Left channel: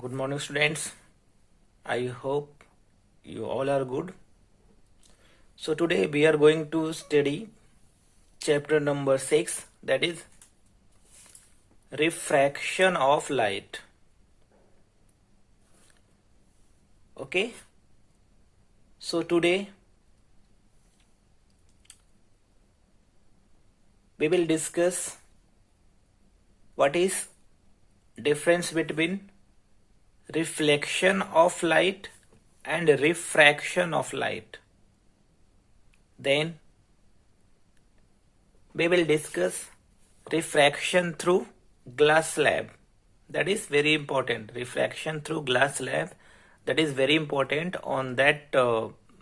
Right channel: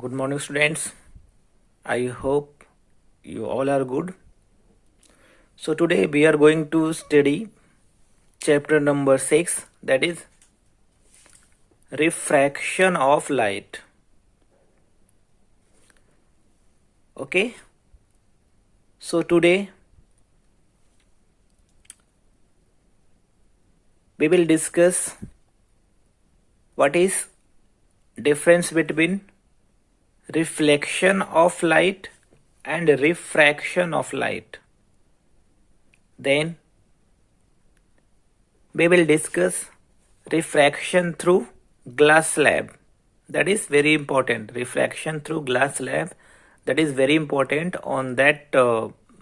Good morning, students. I hope you all are good. So, today we are going to study chapter number 6, that is refraction of light. Okay, so today we will discuss what is difference between reflection of light and refraction of light. Then we will discuss refraction through glass slab. That is very important. Refraction through glass slab, that is very important. On that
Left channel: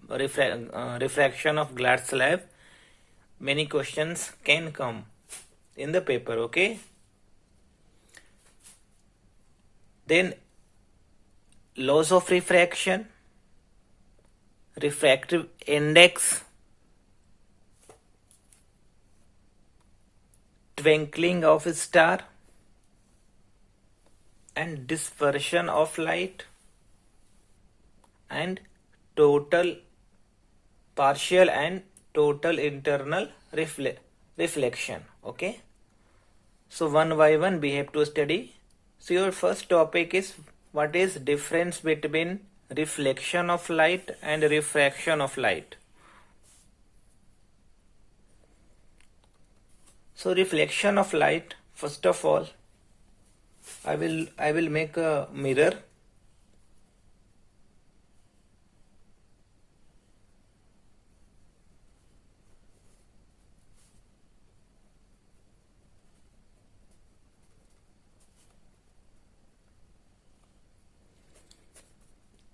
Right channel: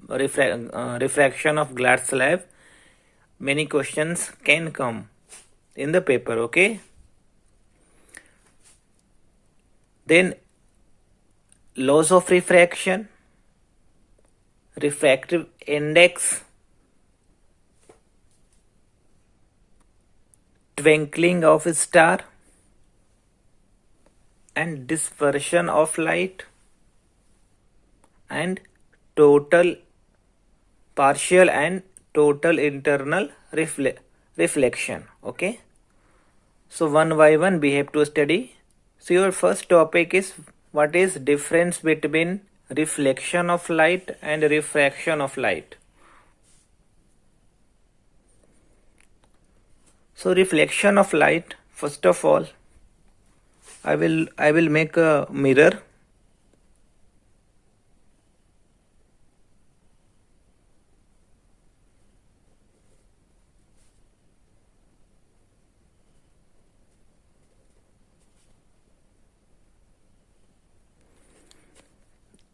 refraction of glass slab, many questions can come in the paper. Okay, then laws of refraction, refractive index, twinkling of a star, and dispersion of light, and total, partial and total internal reflection. Okay, so one by one we have to study. So your first topic is what is difference between reflection of light and refraction of light. So reflection of light, first of all, I will make a mirror.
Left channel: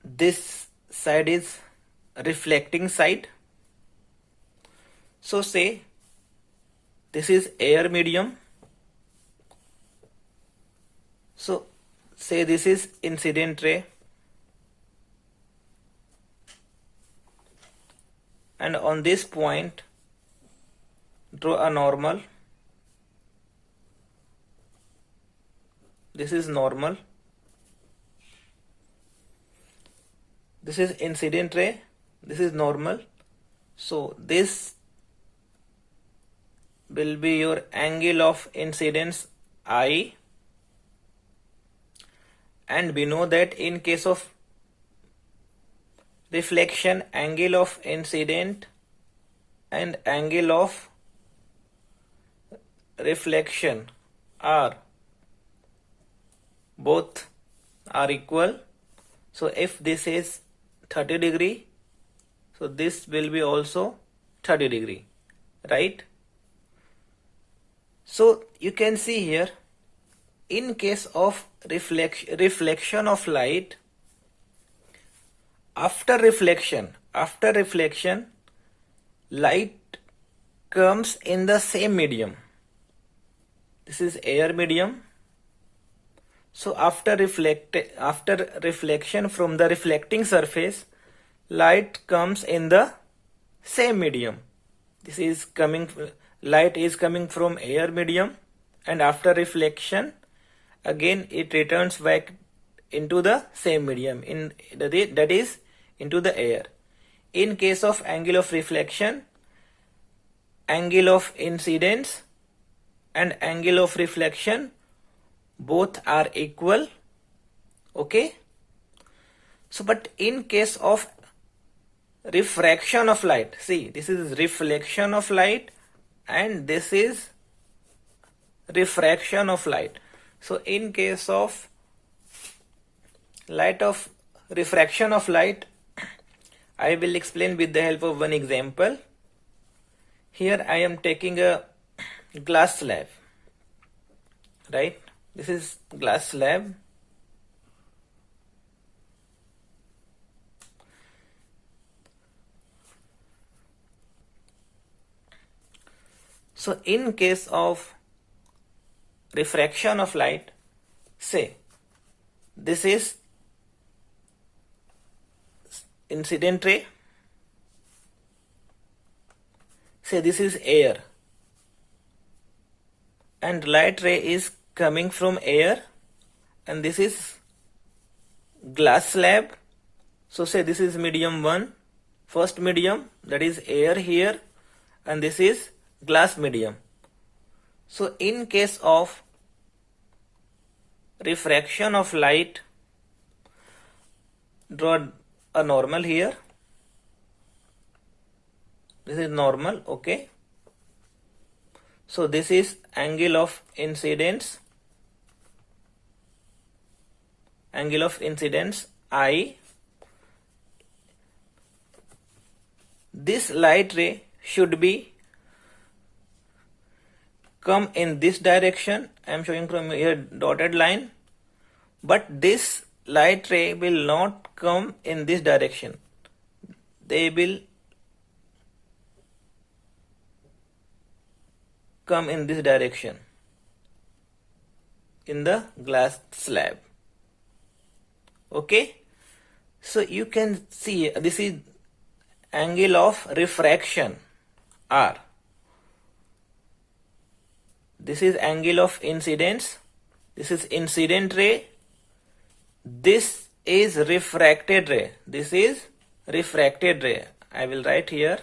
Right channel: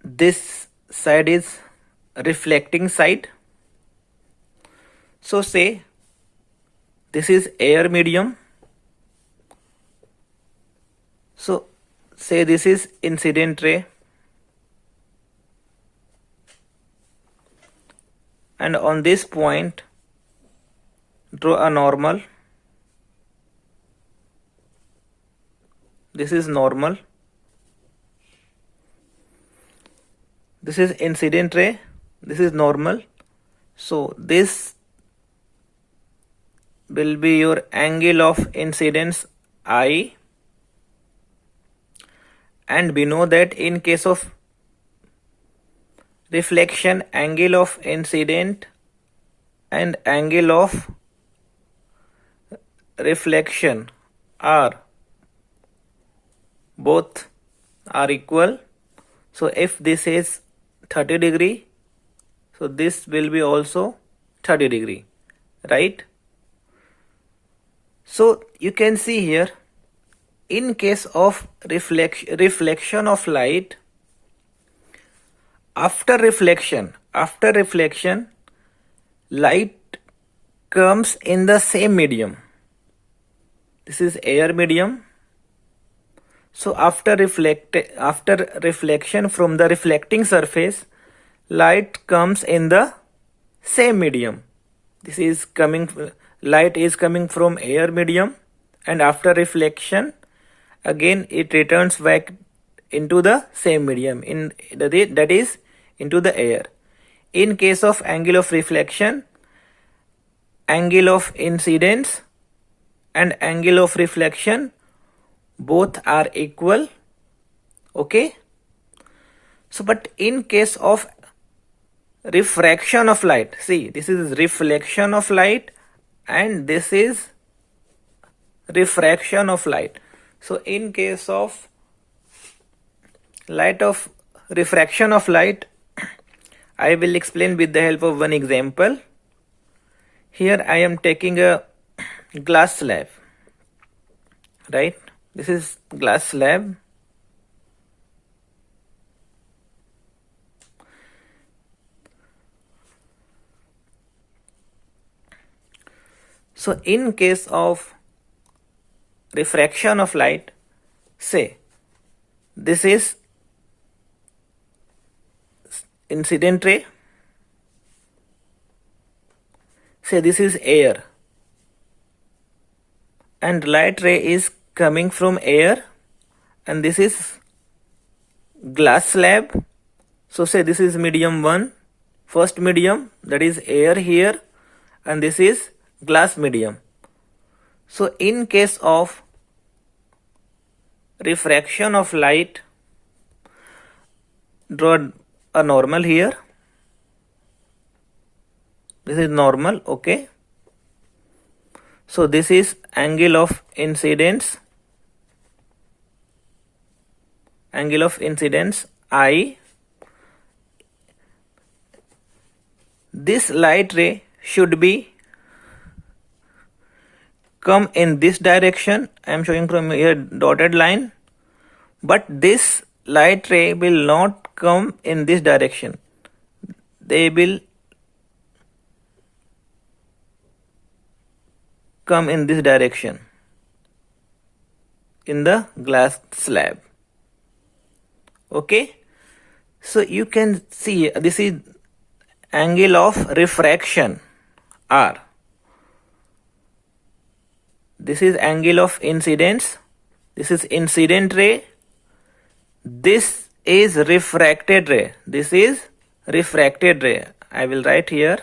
This side is reflecting side. So say this is air medium. So say this is incident ray, and on this point draw a normal. This is normal. This is incident ray. This is normal. So this will be your angle of incidence I, and we know that in case of reflection, angle of incident and angle of reflection are both are equal. So if this is 30 degree, so this will be also 30 degree, right? So you can see here, in case of reflection of light, after reflection, light comes in the same medium. This is air medium. So after reflection from the reflecting surface, light comes in the same medium. This is light is coming from air medium, and after reflection, again it returns back into the same medium, that is into the air. In case of angle of reflection, angle of incidence and angle of reflection both are equal. Okay, so but in case of refraction of light, see, this is reflection of light and this is refraction of light. So in case of refraction of light, I will explain with the help of one example. Here I am taking a glass slab, right? This is glass slab. So in case of refraction of light, say this is incident ray, say this is air, and light ray is coming from air, and this is glass slab. So say this is medium 1, first medium, that is air here, and this is glass medium. So in case of refraction of light, draw a normal here. This is normal, okay. So this is angle of incidence. Angle of incidence I. This light ray should be come in this direction. I am showing from here dotted line, but this light ray will not come in this direction. They will come in this direction in the glass slab. Okay, so you can see this is angle of refraction R. This is angle of incidence. This is incident ray. This is refracted ray. This is refracted ray. I will write here.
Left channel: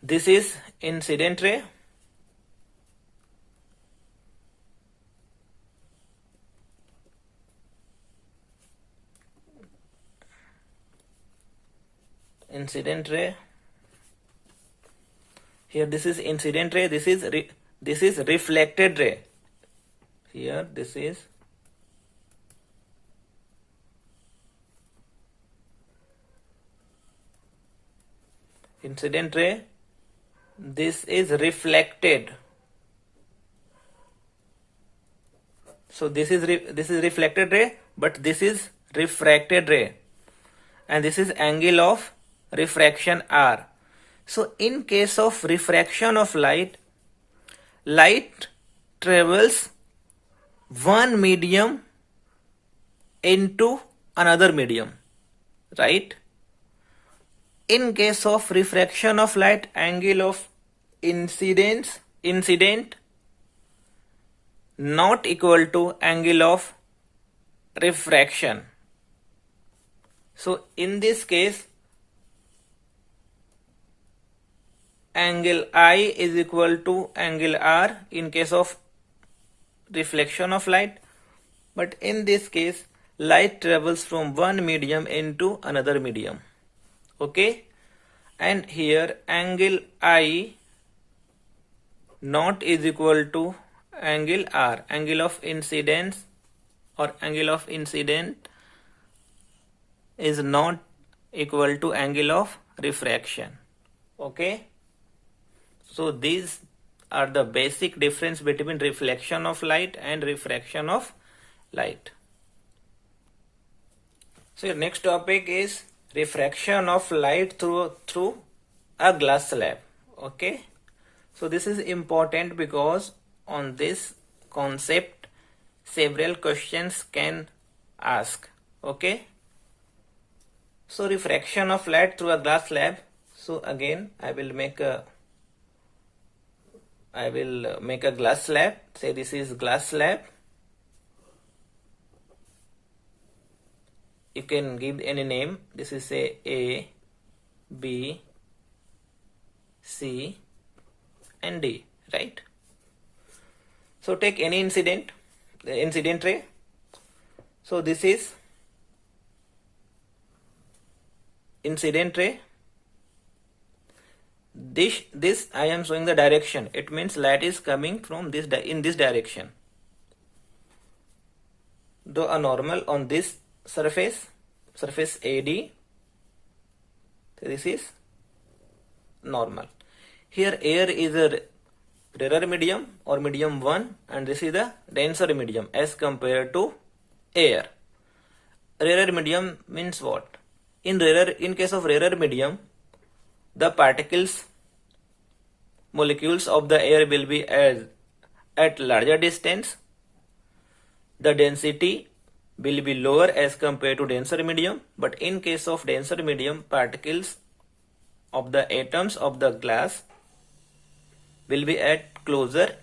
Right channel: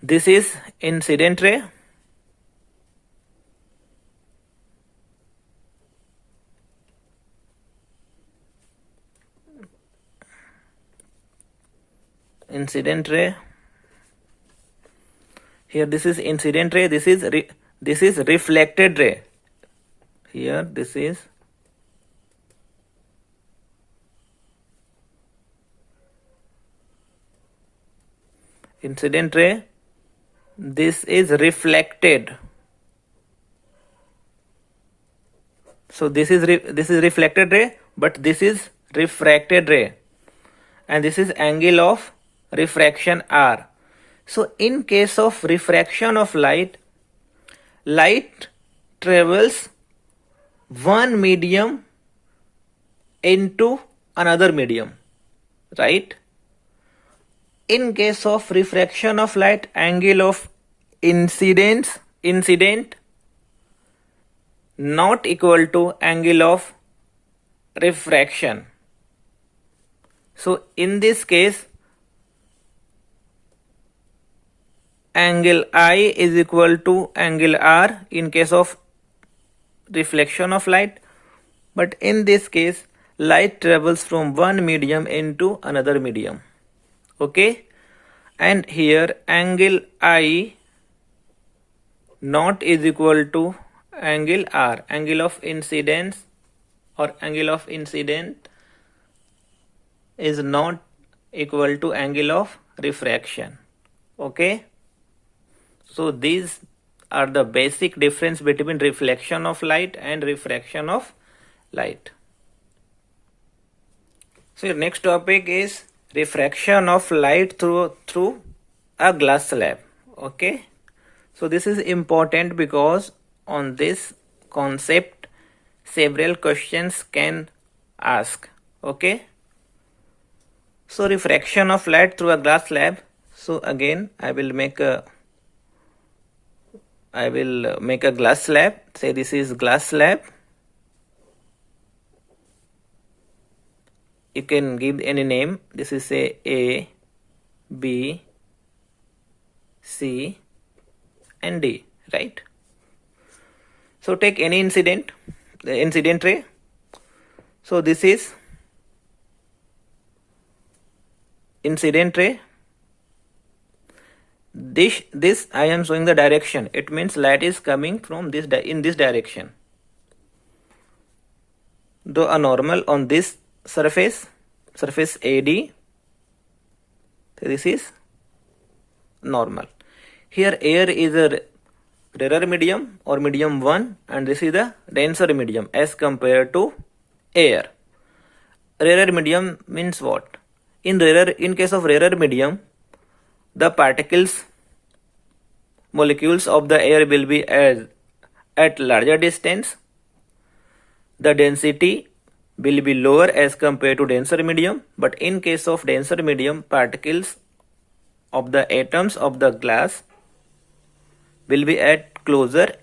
This is incident ray. Incident ray. Here this is incident ray. This is reflected ray. Here this is incident ray. This is reflected. So this is reflected ray, but this is refracted ray, and this is angle of refraction R. So in case of refraction of light, light travels one medium into another medium, right? In case of refraction of light, angle of incident not equal to angle of refraction. So in this case, angle I is equal to angle R in case of reflection of light, but in this case light travels from one medium into another medium. Okay, and here angle I not is equal to angle R. Angle of incidence or angle of incident is not equal to angle of refraction. Okay, so these are the basic difference between reflection of light and refraction of light. So your next topic is refraction of light through a glass slab. Okay, so this is important because on this concept several questions can ask. Okay, so refraction of light through a glass slab. So again I will make a glass slab. Say this is glass slab. You can give any name. This is say A, B, C and D, right? So take any incident ray. So this is incident ray. This I am showing the direction. It means light is coming from this in this direction. Though a normal on this surface AD. So this is normal. Here air is a rarer medium or medium 1, and this is the denser medium as compared to air. Rarer medium means what? In case of rarer medium, the molecules of the air will be at larger distance. The density will be lower as compared to denser medium, but in case of denser medium, particles of the atoms of the glass will be at closer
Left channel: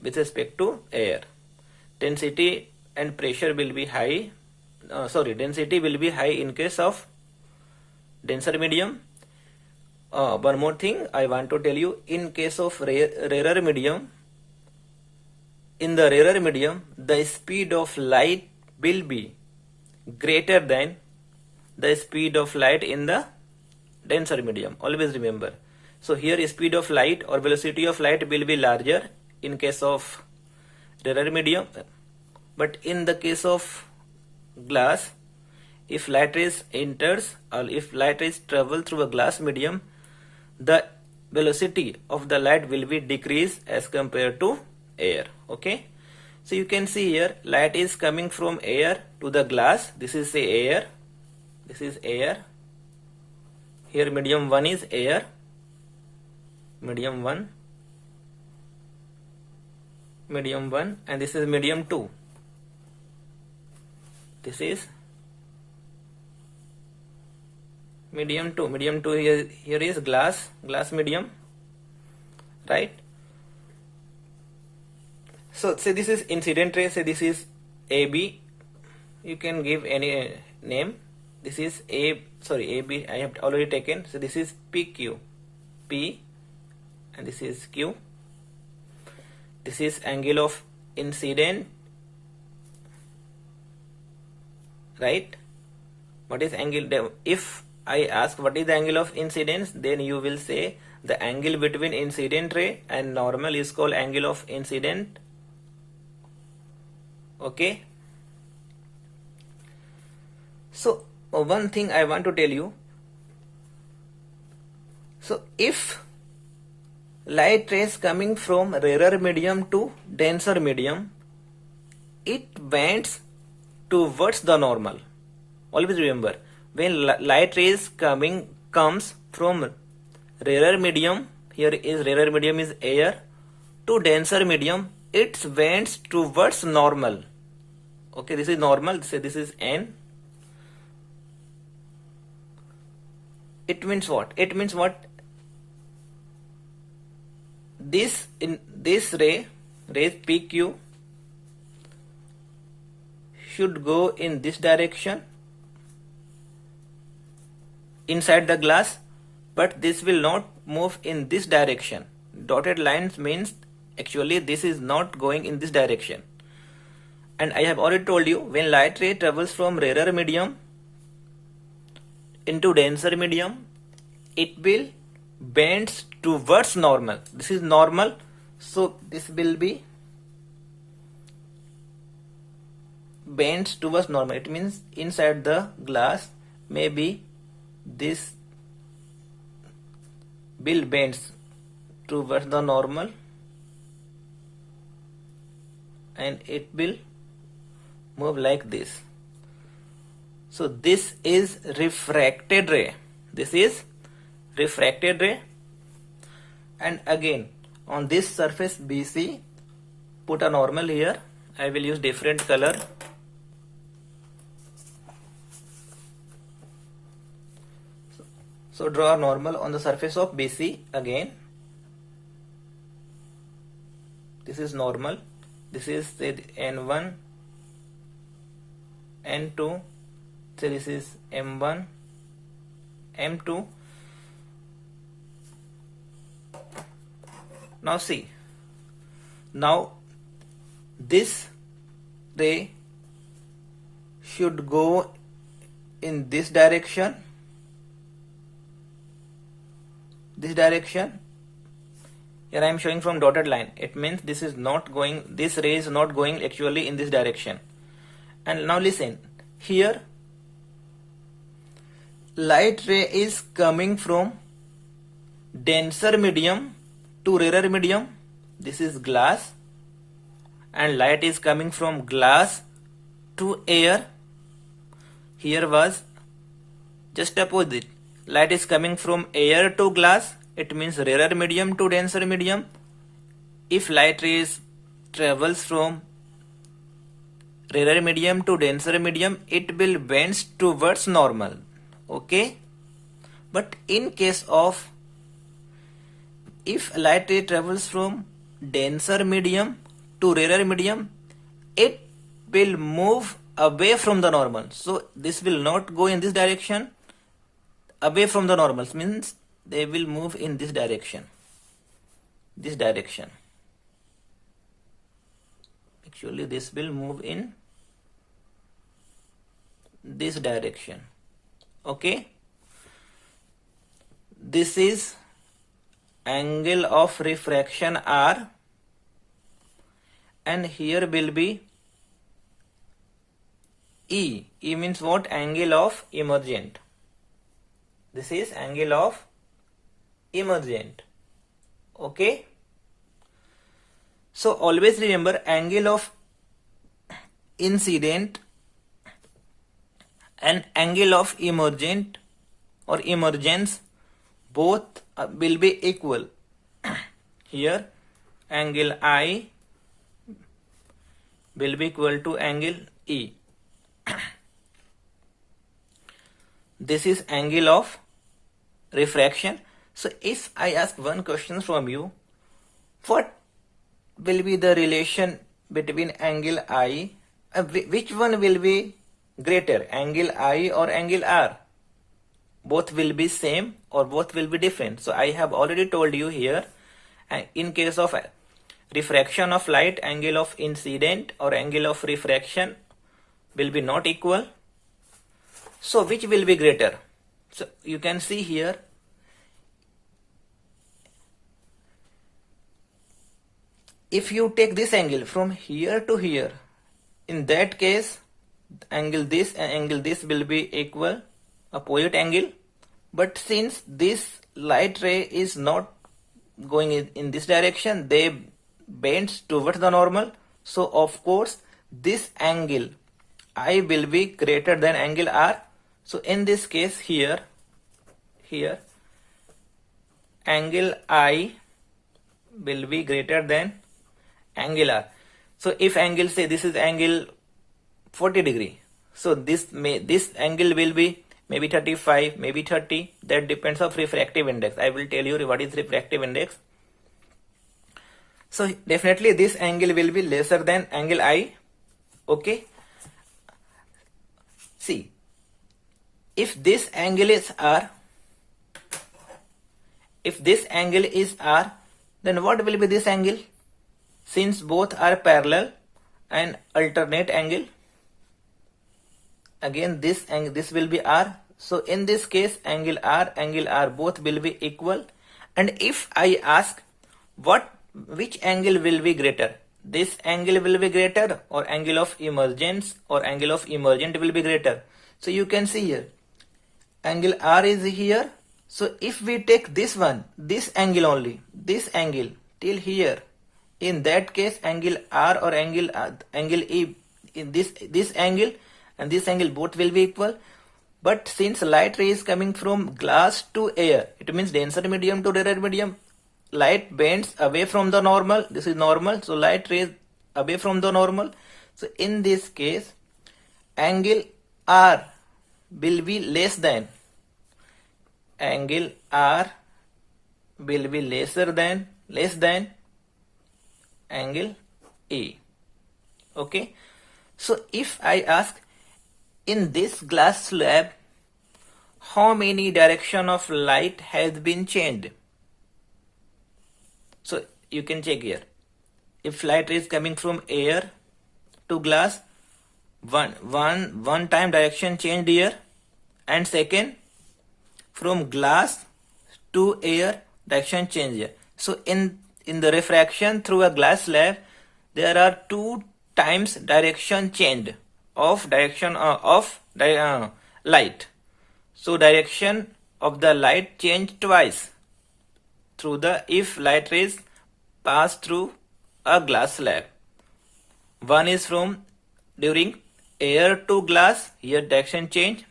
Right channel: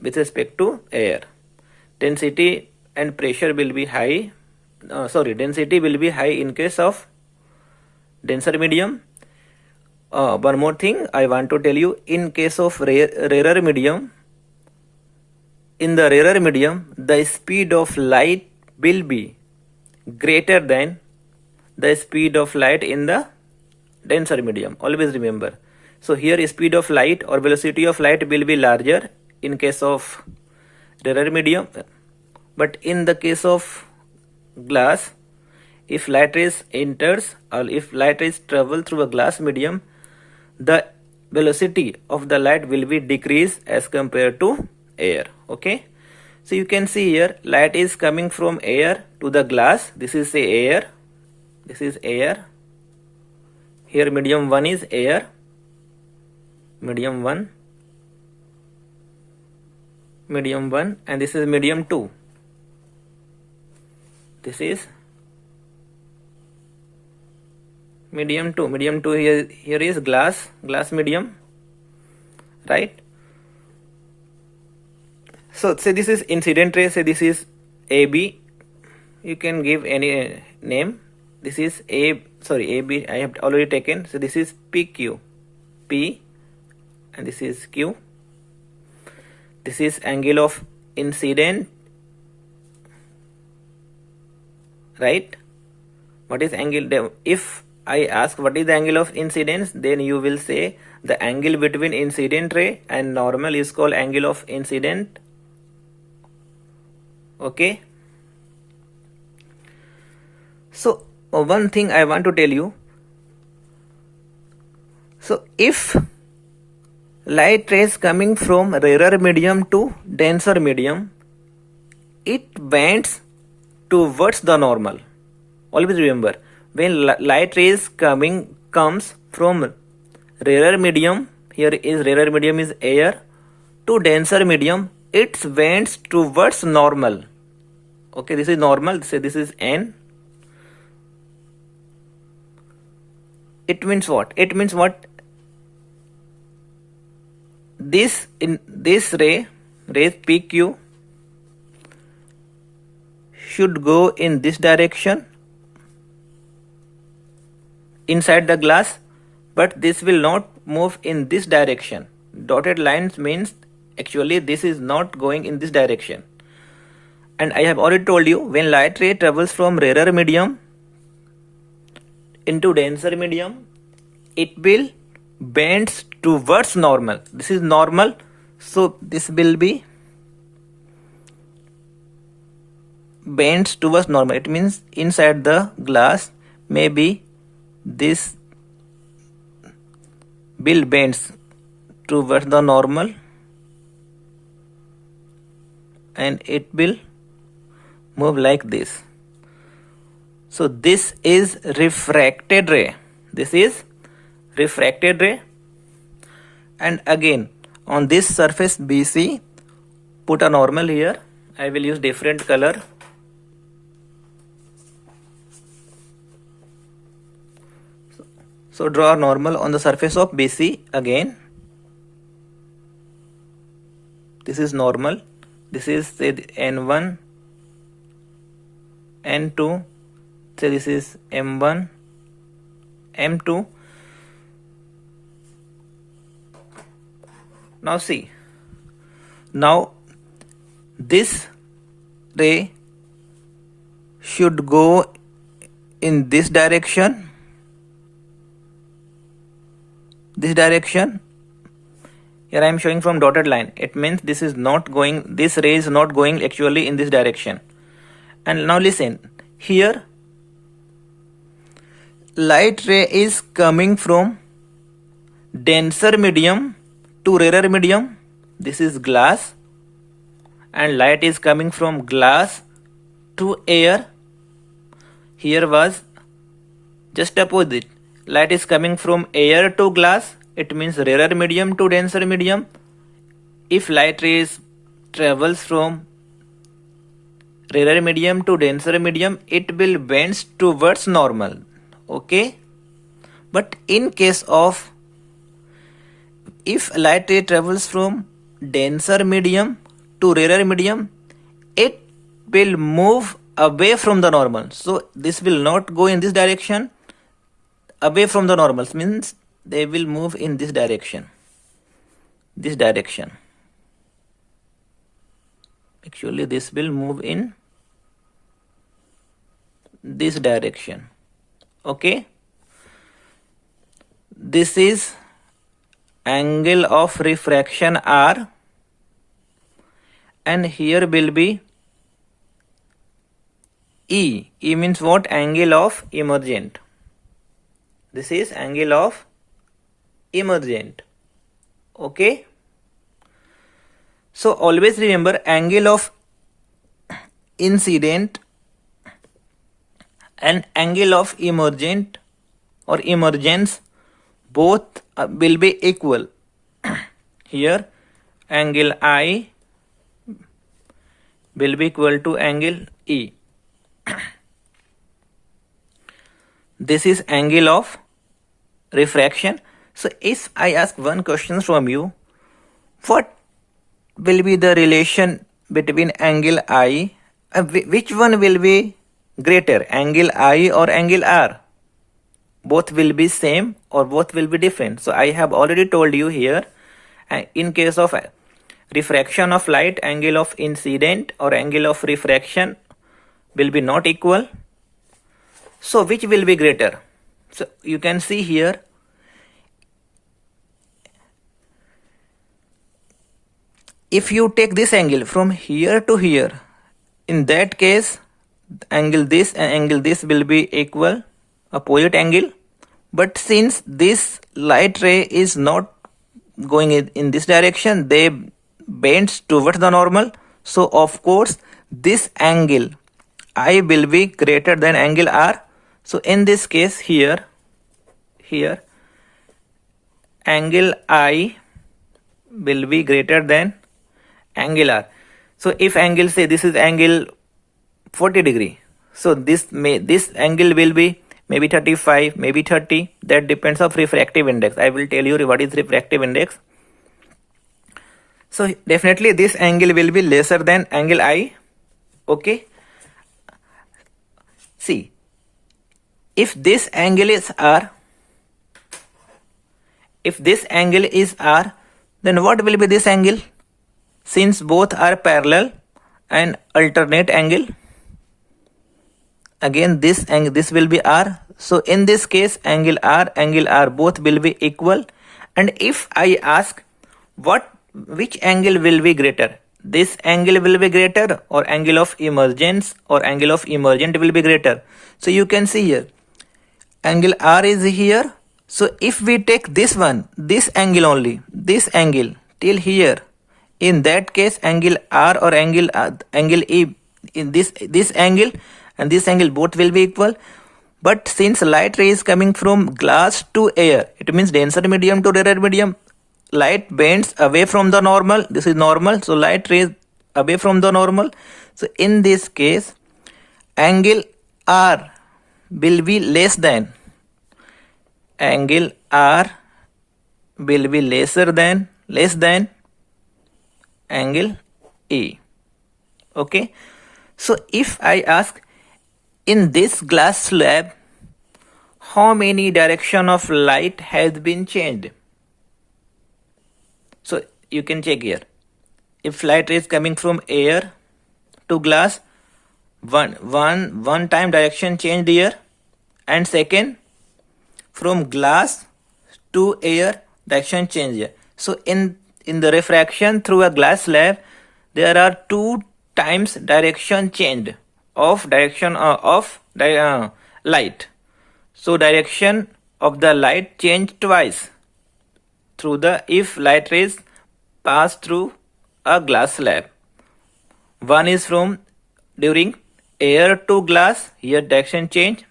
with respect to air. Density and pressure will be high. Density will be high in case of denser medium. One more thing I want to tell you, in case of rarer medium, in the rarer medium, the speed of light will be greater than the speed of light in the denser medium. Always remember. So here speed of light or velocity of light will be larger in case of rarer medium, but in the case of glass, if light rays enters or if light rays travel through a glass medium, the velocity of the light will be decreased as compared to air. Okay, so you can see here light is coming from air to the glass. This is say air, this is air. Here medium 1 is air, medium 1, medium 1, and this is medium 2. This is medium 2. Medium 2 here is glass medium, right? So say this is incident ray, say this is AB. You can give any name. This is AB I have already taken. So this is PQ, P, and this is Q. This is angle of incident, right? What is angle? If I ask what is the angle of incidence, then you will say the angle between incident ray and normal is called angle of incident. Okay. So one thing I want to tell you. So if light rays coming from rarer medium to denser medium, it bends towards the normal. Always remember, when light rays comes from rarer medium, here is rarer medium is air, to denser medium, it bends towards normal. Okay, this is normal. Say this is N. It means what? It means what? This ray PQ should go in this direction inside the glass, but this will not move in this direction. Dotted lines means actually this is not going in this direction. And I have already told you, when light ray travels from rarer medium into denser medium, it will bend towards normal. This is normal, so this will be bends towards normal. It means inside the glass, maybe this will bends towards the normal, and it will move like this. So this is refracted ray. This is refracted ray. And again, on this surface BC, put a normal here. I will use different color. So draw a normal on the surface of BC again. This is normal. This is say N1, N2. Say this is M1, M2. Now see. Now this ray should go in this direction. This direction. Here I am showing from dotted line. It means this is not going, this ray is not going actually in this direction. And now listen, here light ray is coming from denser medium to rarer medium. This is glass, and light is coming from glass to air. Here was just opposite. Light is coming from air to glass. It means rarer medium to denser medium. If light rays travels from rarer medium to denser medium, it will bend towards normal. Okay, but in case of if light ray travels from denser medium to rarer medium, it will move away from the normal. So this will not go in this direction. Away from the normal means they will move in this direction. This direction. Actually, this will move in this direction. Okay. This is angle of refraction R, and here will be E. E means what? Angle of emergent. This is angle of emergent. Okay. So always remember, angle of incident and angle of emergent or emergence both will be equal. Here angle I will be equal to angle E. This is angle of refraction. So if I ask one question from you, what will be the relation between angle I? Which one will be greater, angle I or angle R? Both will be same or both will be different. So I have already told you here, in case of refraction of light, angle of incident or angle of refraction will be not equal. So which will be greater? So you can see here, if you take this angle from here to here, in that case angle this and angle this will be equal, opposite angle. But since this light ray is not going in this direction, they bends towards the normal. So of course this angle I will be greater than angle R. So in this case here angle I will be greater than angle R. So if angle, say this is angle 40 degree, so this angle will be maybe 35, maybe 30. That depends on refractive index. I will tell you what is refractive index. So definitely this angle will be lesser than angle I. Okay. See, if this angle is R, then what will be this angle? Since both are parallel and alternate angle, again this will be R. So in this case angle R both will be equal. And if I ask which angle will be greater, this angle will be greater or angle of emergence or angle of emergent will be greater. So you can see here angle R is here. So if we take this one, this angle only, this angle till here, in that case angle R or angle E, in this angle and this angle both will be equal. But since light ray is coming from glass to air, it means denser medium to rarer medium, light bends away from the normal. This is normal, so light rays away from the normal. So in this case angle R will be less than angle E. Okay. So if I ask, in this glass slab, how many direction of light has been changed? So you can check here. If light is coming from air to glass, one time direction changed here, and second from glass to air direction change here. So in the refraction through a glass slab, there are 2 times direction change of light. So direction of the light change twice if light rays pass through a glass slab. One is from during air to glass, here direction changed,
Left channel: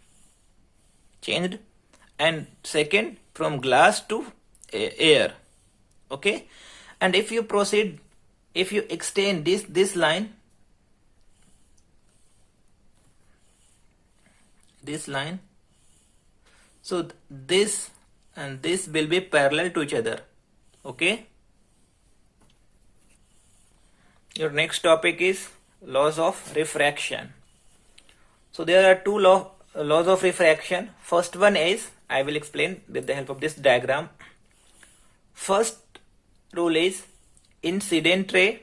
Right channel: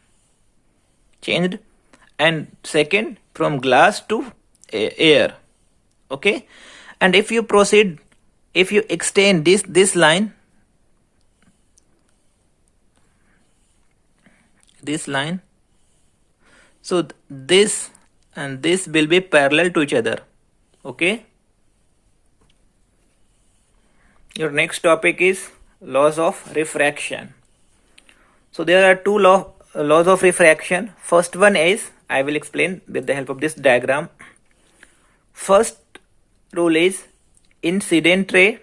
and second from glass to air. Okay. And if you proceed, if you extend this line, so this and this will be parallel to each other. Okay. Your next topic is laws of refraction. So there are two laws of refraction. First one is, I will explain with the help of this diagram. First rule is incident ray,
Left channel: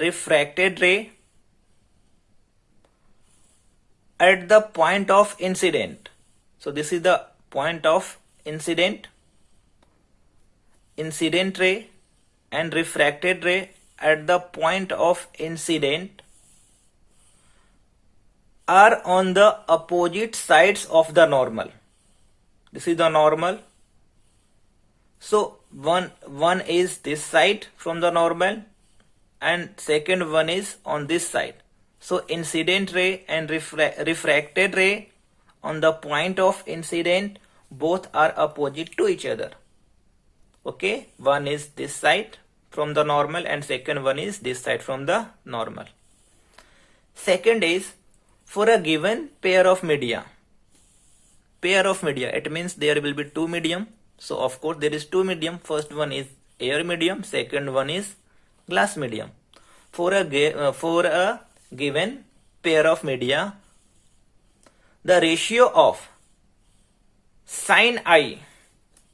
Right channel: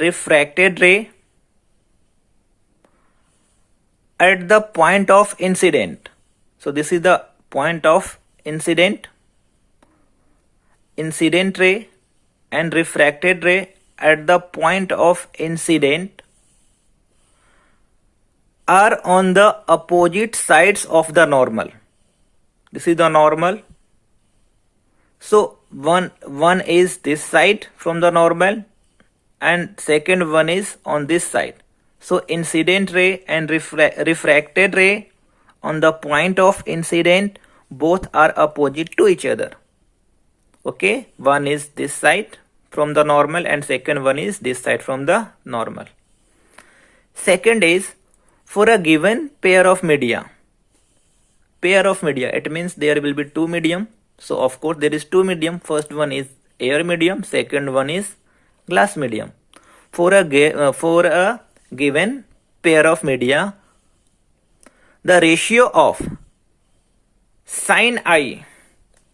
refracted ray at the point of incident. So this is the point of incident ray and refracted ray at the point of incident are on the opposite sides of the normal. This is the normal. So one is this side from the normal and second one is on this side. So incident ray and refracted ray on the point of incident both are opposite to each other. Okay, one is this side from the normal and second one is this side from the normal. Second is, for a given pair of media, it means there will be two medium. So of course there is two medium. First one is air medium, second one is glass medium. For a given pair of media, the ratio of sin I,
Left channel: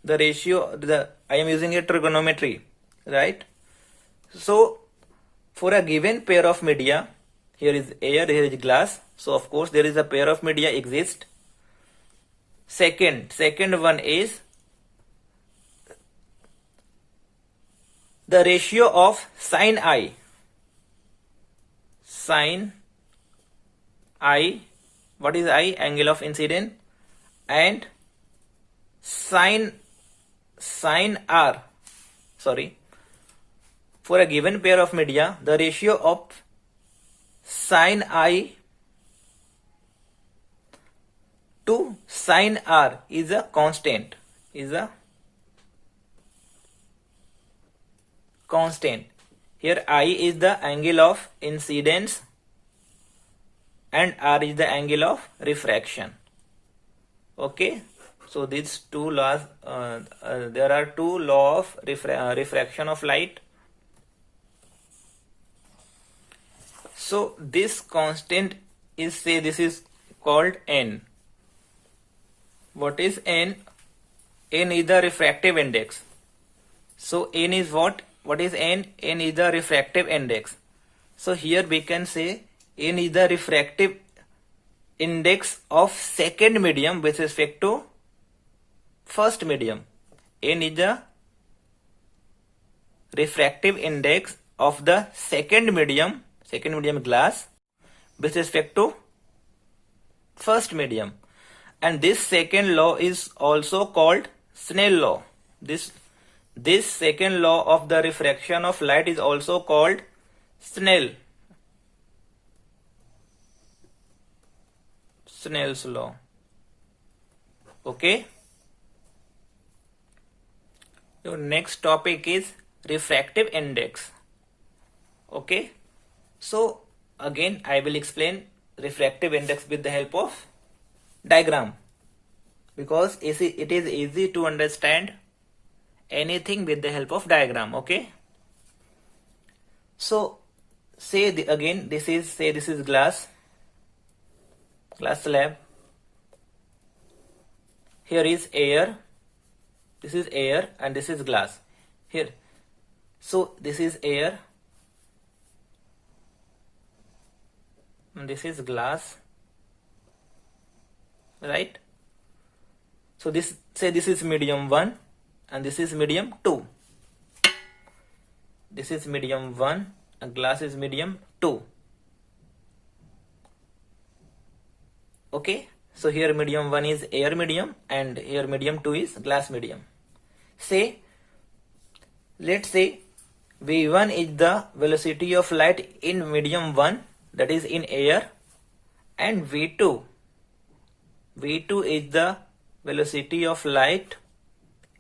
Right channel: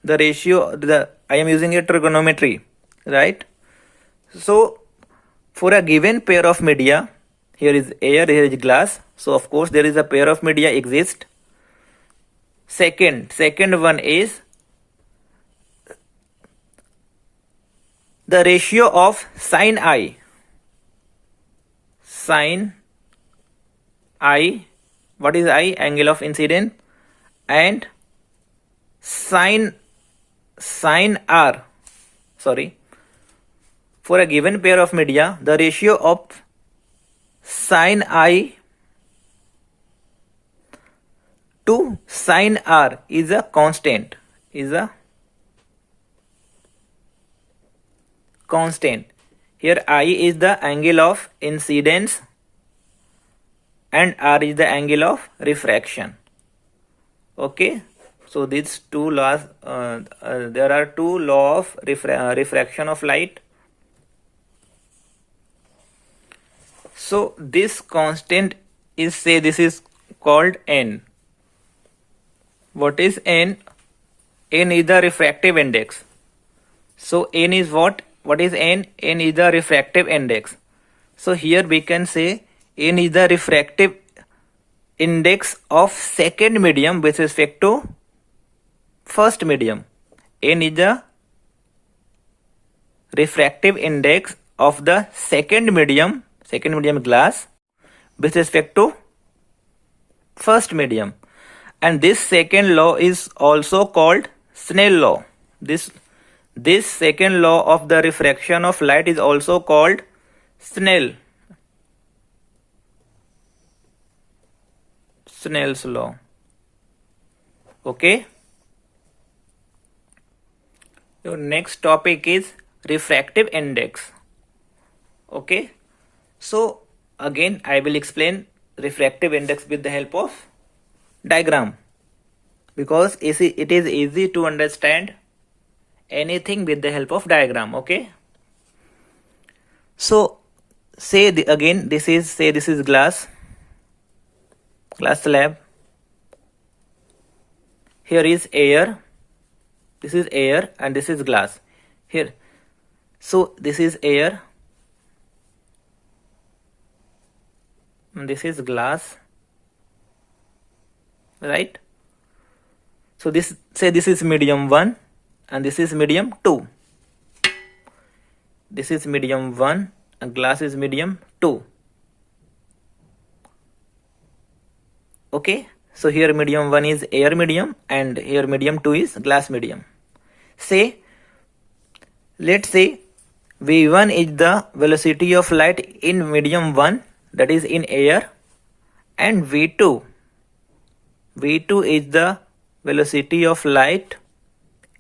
I am using a trigonometry, right? So for a given pair of media, here is air, here is glass. So of course there is a pair of media exist. Second one is the ratio of sin I. Sin I, what is I? Angle of incidence. And sin R. Sorry. For a given pair of media, the ratio of sin I to sin R is a constant. Here I is the angle of incidence and R is the angle of refraction. Okay. So these two laws, there are two laws of refraction of light. So this constant is, say this is called N. What is N? N is the refractive index. So N is what? What is N? N is the refractive index. So here we can say N is the refractive index of second medium with respect to first medium. N is the refractive index of the second medium glass with respect to first medium. And this second law is also called Snell law. This second law of the refraction of light is also called Snell's law. Okay. Your next topic is refractive index. Okay. So again I will explain refractive index with the help of diagram, because it is easy to understand anything with the help of diagram. Okay. So say this is glass slab. Here is air. This is air and this is glass. Here. So this is air. And this is glass. Right? So this is medium 1 and this is medium 2. This is medium 1 and glass is medium 2. Okay. So here medium 1 is air medium and here medium 2 is glass medium. Let's say V1 is the velocity of light in medium 1, that is in air, and V2 is the velocity of light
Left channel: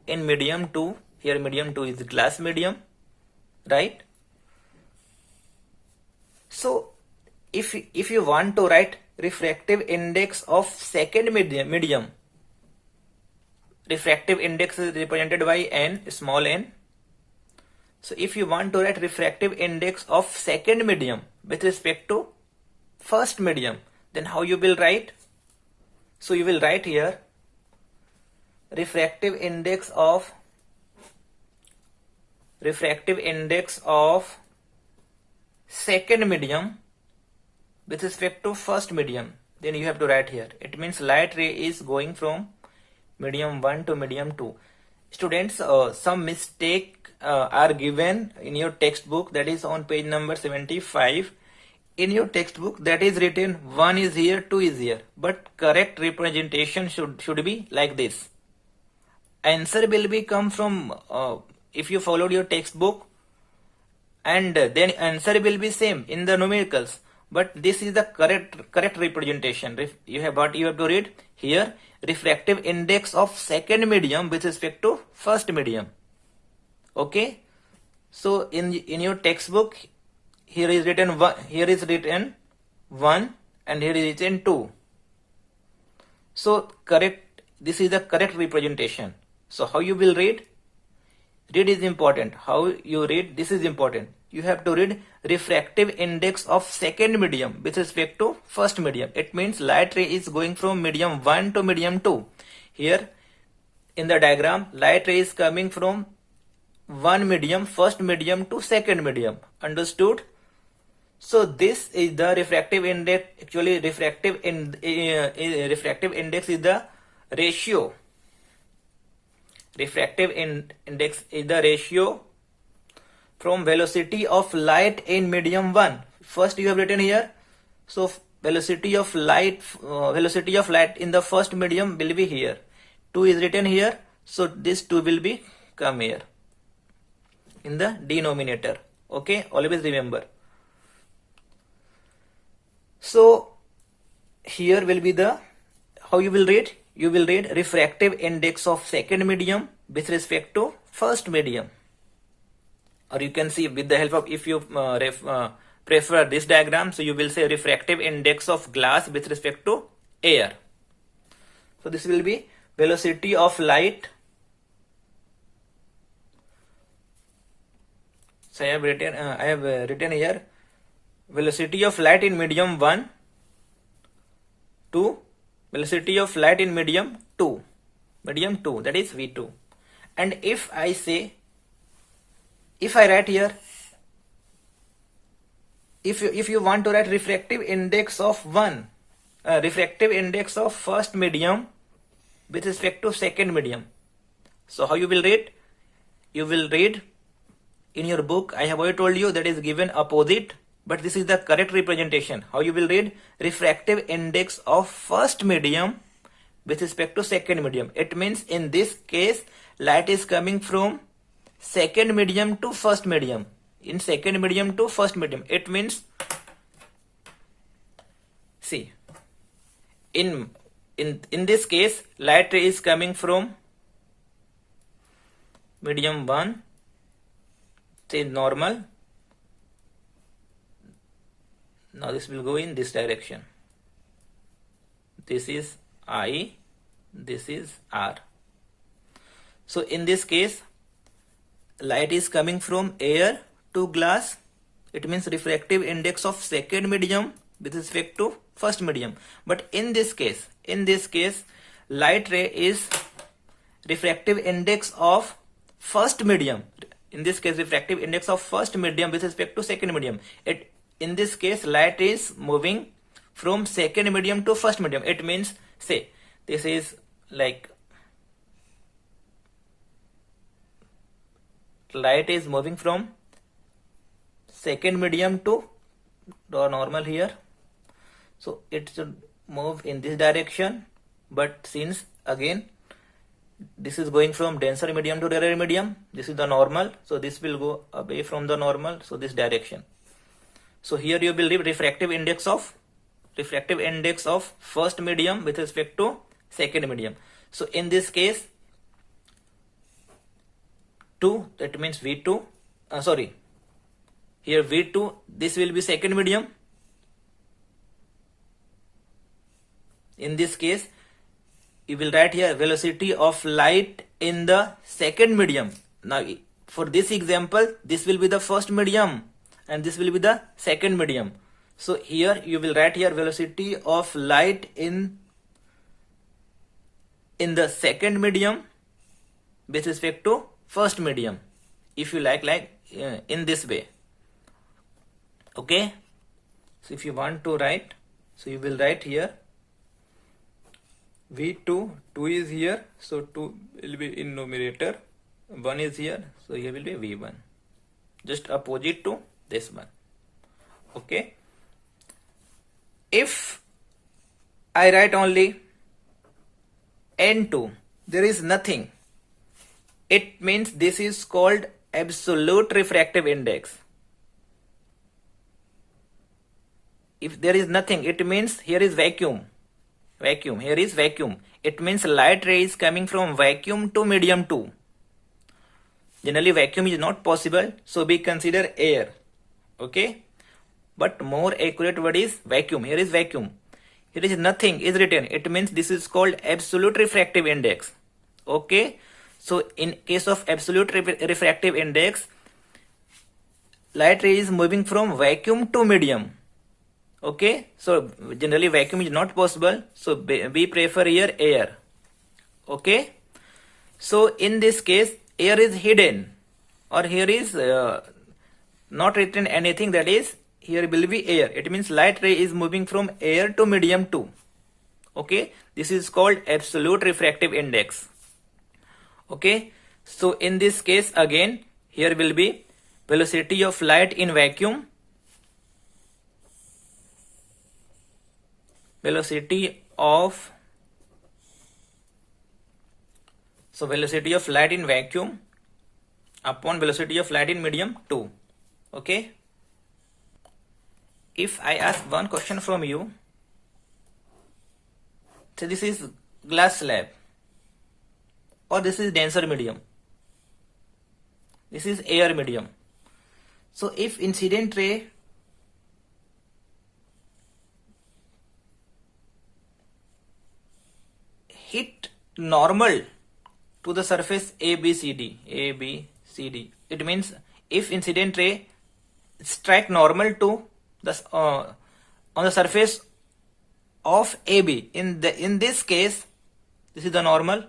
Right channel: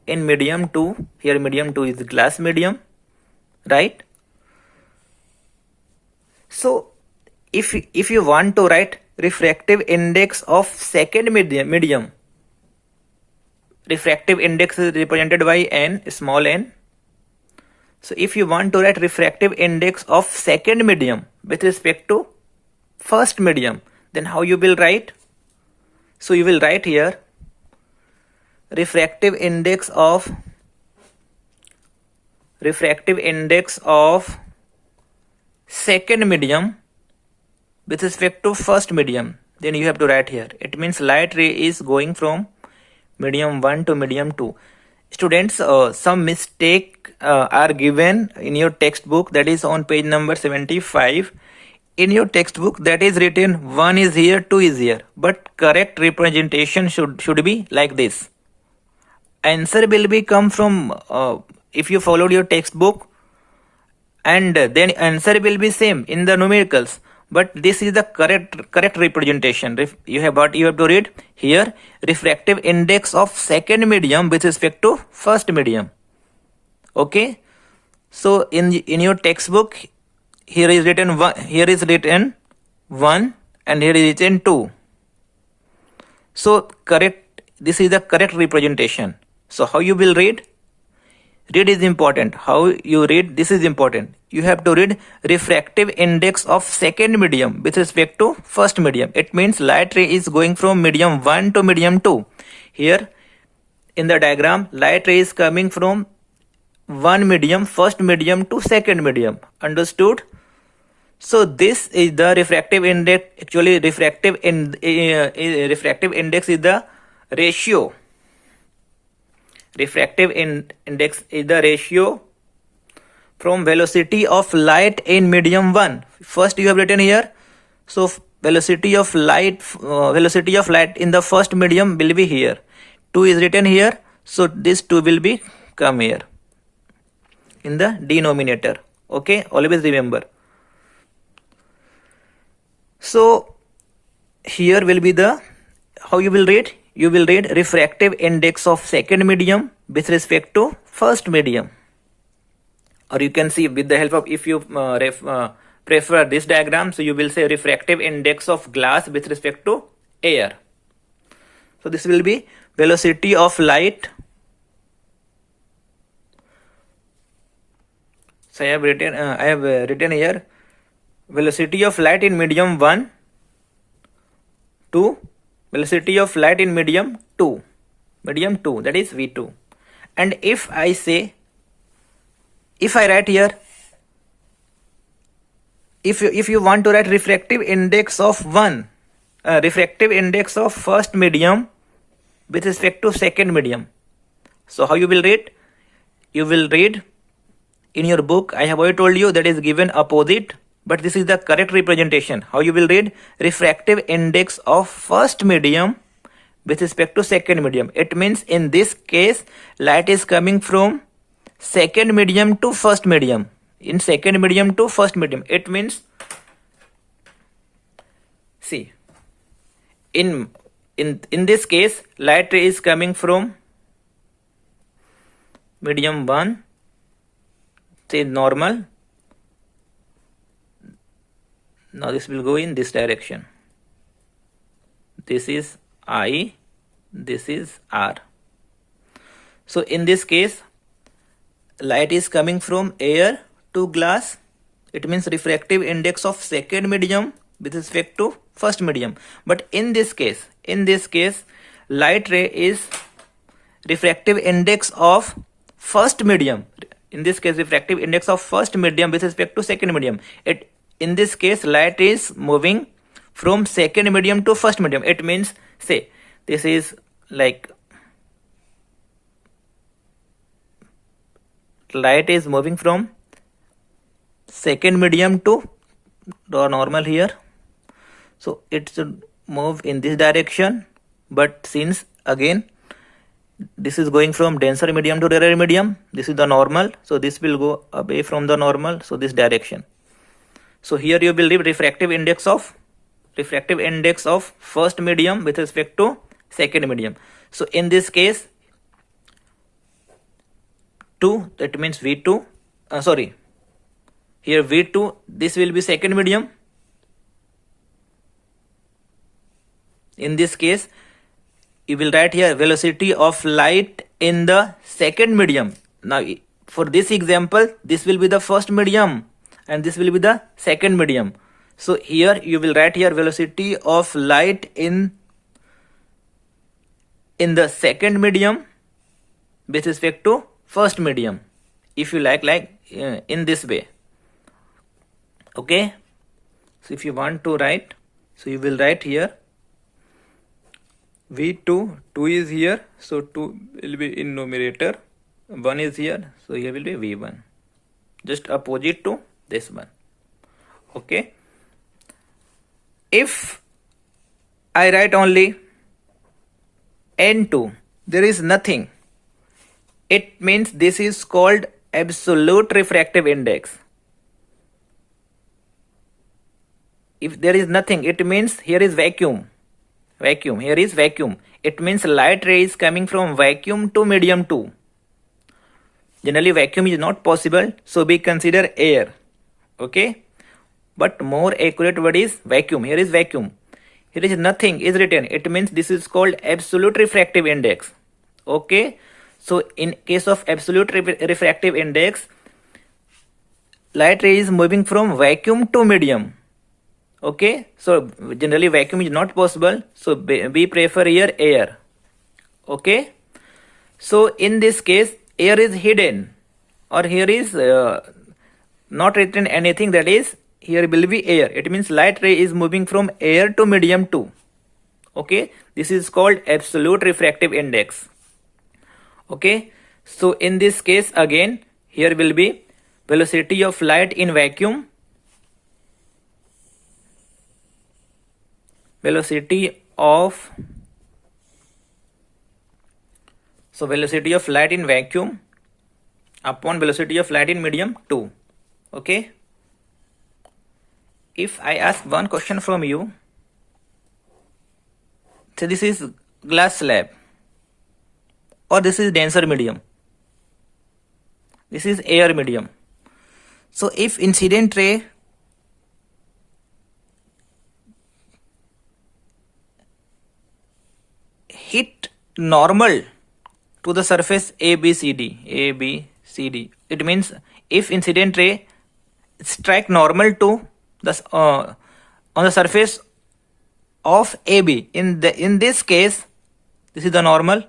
in medium 2. Here medium 2 is glass medium, right? So if you want to write refractive index of second medium, refractive index is represented by n, small n. So if you want to write refractive index of second medium with respect to first medium, then how you will write? So you will write here refractive index of second medium with respect to first medium. Then you have to write here. It means light ray is going from medium 1 to medium 2. Students, some mistake are given in your textbook, that is on page number 75. In your textbook that is written 1 is here, 2 is here, but correct representation should be like this. Answer will be come from if you followed your textbook, and then answer will be same in the numericals, but this is the correct representation. You have to read here refractive index of second medium with respect to first medium. Okay, so in your textbook here is written 1, and here is written 2. So correct, this is the correct representation. So how you will read? Read is important. How you read, this is important. You have to read refractive index of second medium with respect to first medium. It means light ray is going from medium 1 to medium 2. Here in the diagram, light ray is coming from one medium, first medium, to second medium. Understood? So this is the refractive index. Actually, refractive index is the ratio. Refractive index is the ratio from velocity of light in medium 1. First you have written here. So velocity of light in the first medium will be here. 2 is written here. So this 2 will be come here in the denominator. Okay, always remember. So here will be the, how you will read? You will read refractive index of second medium with respect to first medium. Or you can see with the help of, if you prefer this diagram, so you will say refractive index of glass with respect to air. So this will be velocity of light. So I have written here velocity of light in medium 1 to velocity of light in medium 2, that is V2. And if I write here, if you want to write refractive index of refractive index of first medium with respect to second medium, so how you will read? You will read in your book, I have already told you that is given opposite, but this is the correct representation. How you will read? Refractive index of first medium with respect to second medium. It means in this case light is coming from second medium to first medium. In second medium to first medium, it means, see, in this case light ray is coming from medium 1, say normal. Now this will go in this direction. This is I, this is R. So in this case, light is coming from air to glass. It means refractive index of second medium with respect to first medium. But in this case, light ray is refractive index of first medium. In this case, refractive index of first medium with respect to second medium. In this case, light is moving from second medium to first medium. It means, say, this is like light is moving from second medium to the normal here. So it should move in this direction. But since again this is going from denser medium to rarer medium, this is the normal. So this will go away from the normal. So this direction. So here you will read refractive index of first medium with respect to second medium. So in this case 2, that means V2, here V2, this will be second medium. you will write here velocity of light in the second medium. Now for this example, this will be the first medium and this will be the second medium. So here you will write here velocity of light in the second medium with respect to first medium, if you like in this way. Okay, so if you want to write, so you will write here V2, 2 is here, so 2 will be in numerator, 1 is here, so here will be V1, just opposite to this one. Okay, if I write only N2, there is nothing, it means this is called absolute refractive index. If there is nothing, it means here is vacuum, here is vacuum. It means light ray is coming from vacuum to medium 2. Generally vacuum is not possible, so we consider air. Okay, but more accurate word is vacuum. Here is vacuum, here is nothing is written, it means this is called absolute refractive index. Okay, so in case of absolute refractive index, light ray is moving from vacuum to medium. Okay, so generally vacuum is not possible, so we prefer here air. Okay, so in this case air is hidden, or here is not written anything, that is here will be air. It means light ray is moving from air to medium 2. Okay, this is called absolute refractive index. Okay, so in this case again here will be velocity of light in vacuum, velocity of light in vacuum upon velocity of light in medium 2. Okay, if I ask one question from you, so this is glass slab or this is denser medium, this is air medium. So if incident ray hit normal to the surface ABCD, it means if incident ray strike normal to the on the surface of AB, in this case this is the normal,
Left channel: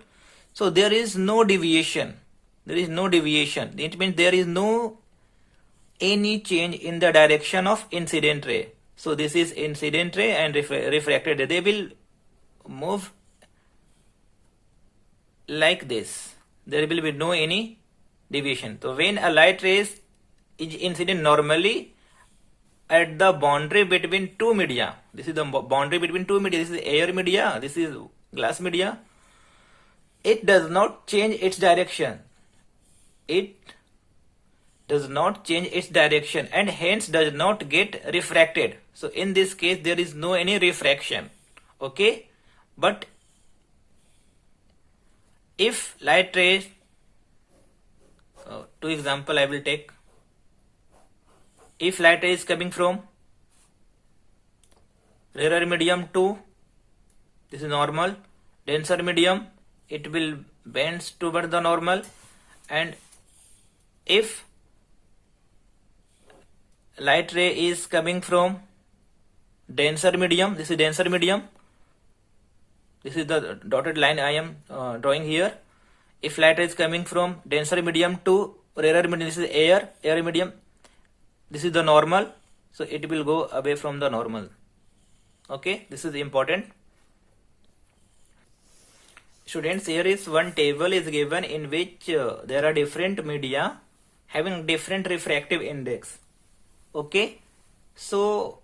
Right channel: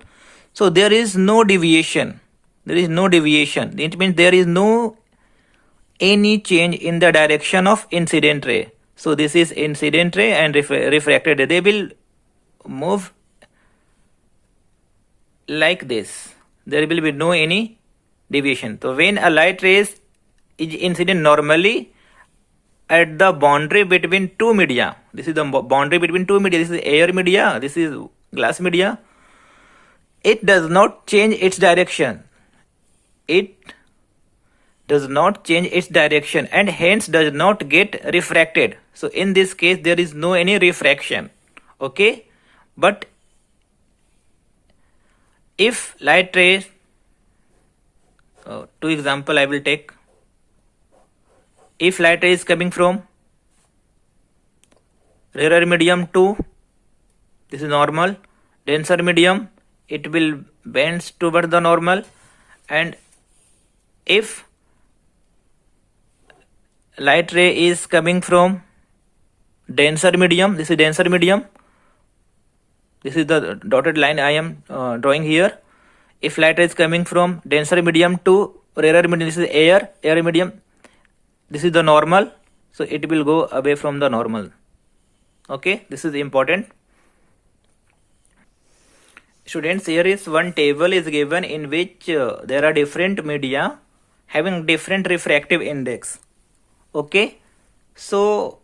so there is no deviation, it means there is no any change in the direction of incident ray. So this is incident ray and refracted ray, they will move like this, there will be no any deviation. So when a light ray is incident normally at the boundary between two media, this is the boundary between two media, this is air media, this is glass media, it does not change its direction, and hence does not get refracted. So in this case there is no any refraction. Okay, but if light rays, two example I will take. If light ray is coming from rarer medium to, this is normal, denser medium, it will bend toward the normal, and if light ray is coming from denser medium, this is denser medium, this is the dotted line I am drawing here. If light ray is coming from denser medium to rarer medium, this is air medium, this is the normal, so it will go away from the normal. Okay, this is important. Students, here is one table is given in which there are different media having different refractive index. Okay, so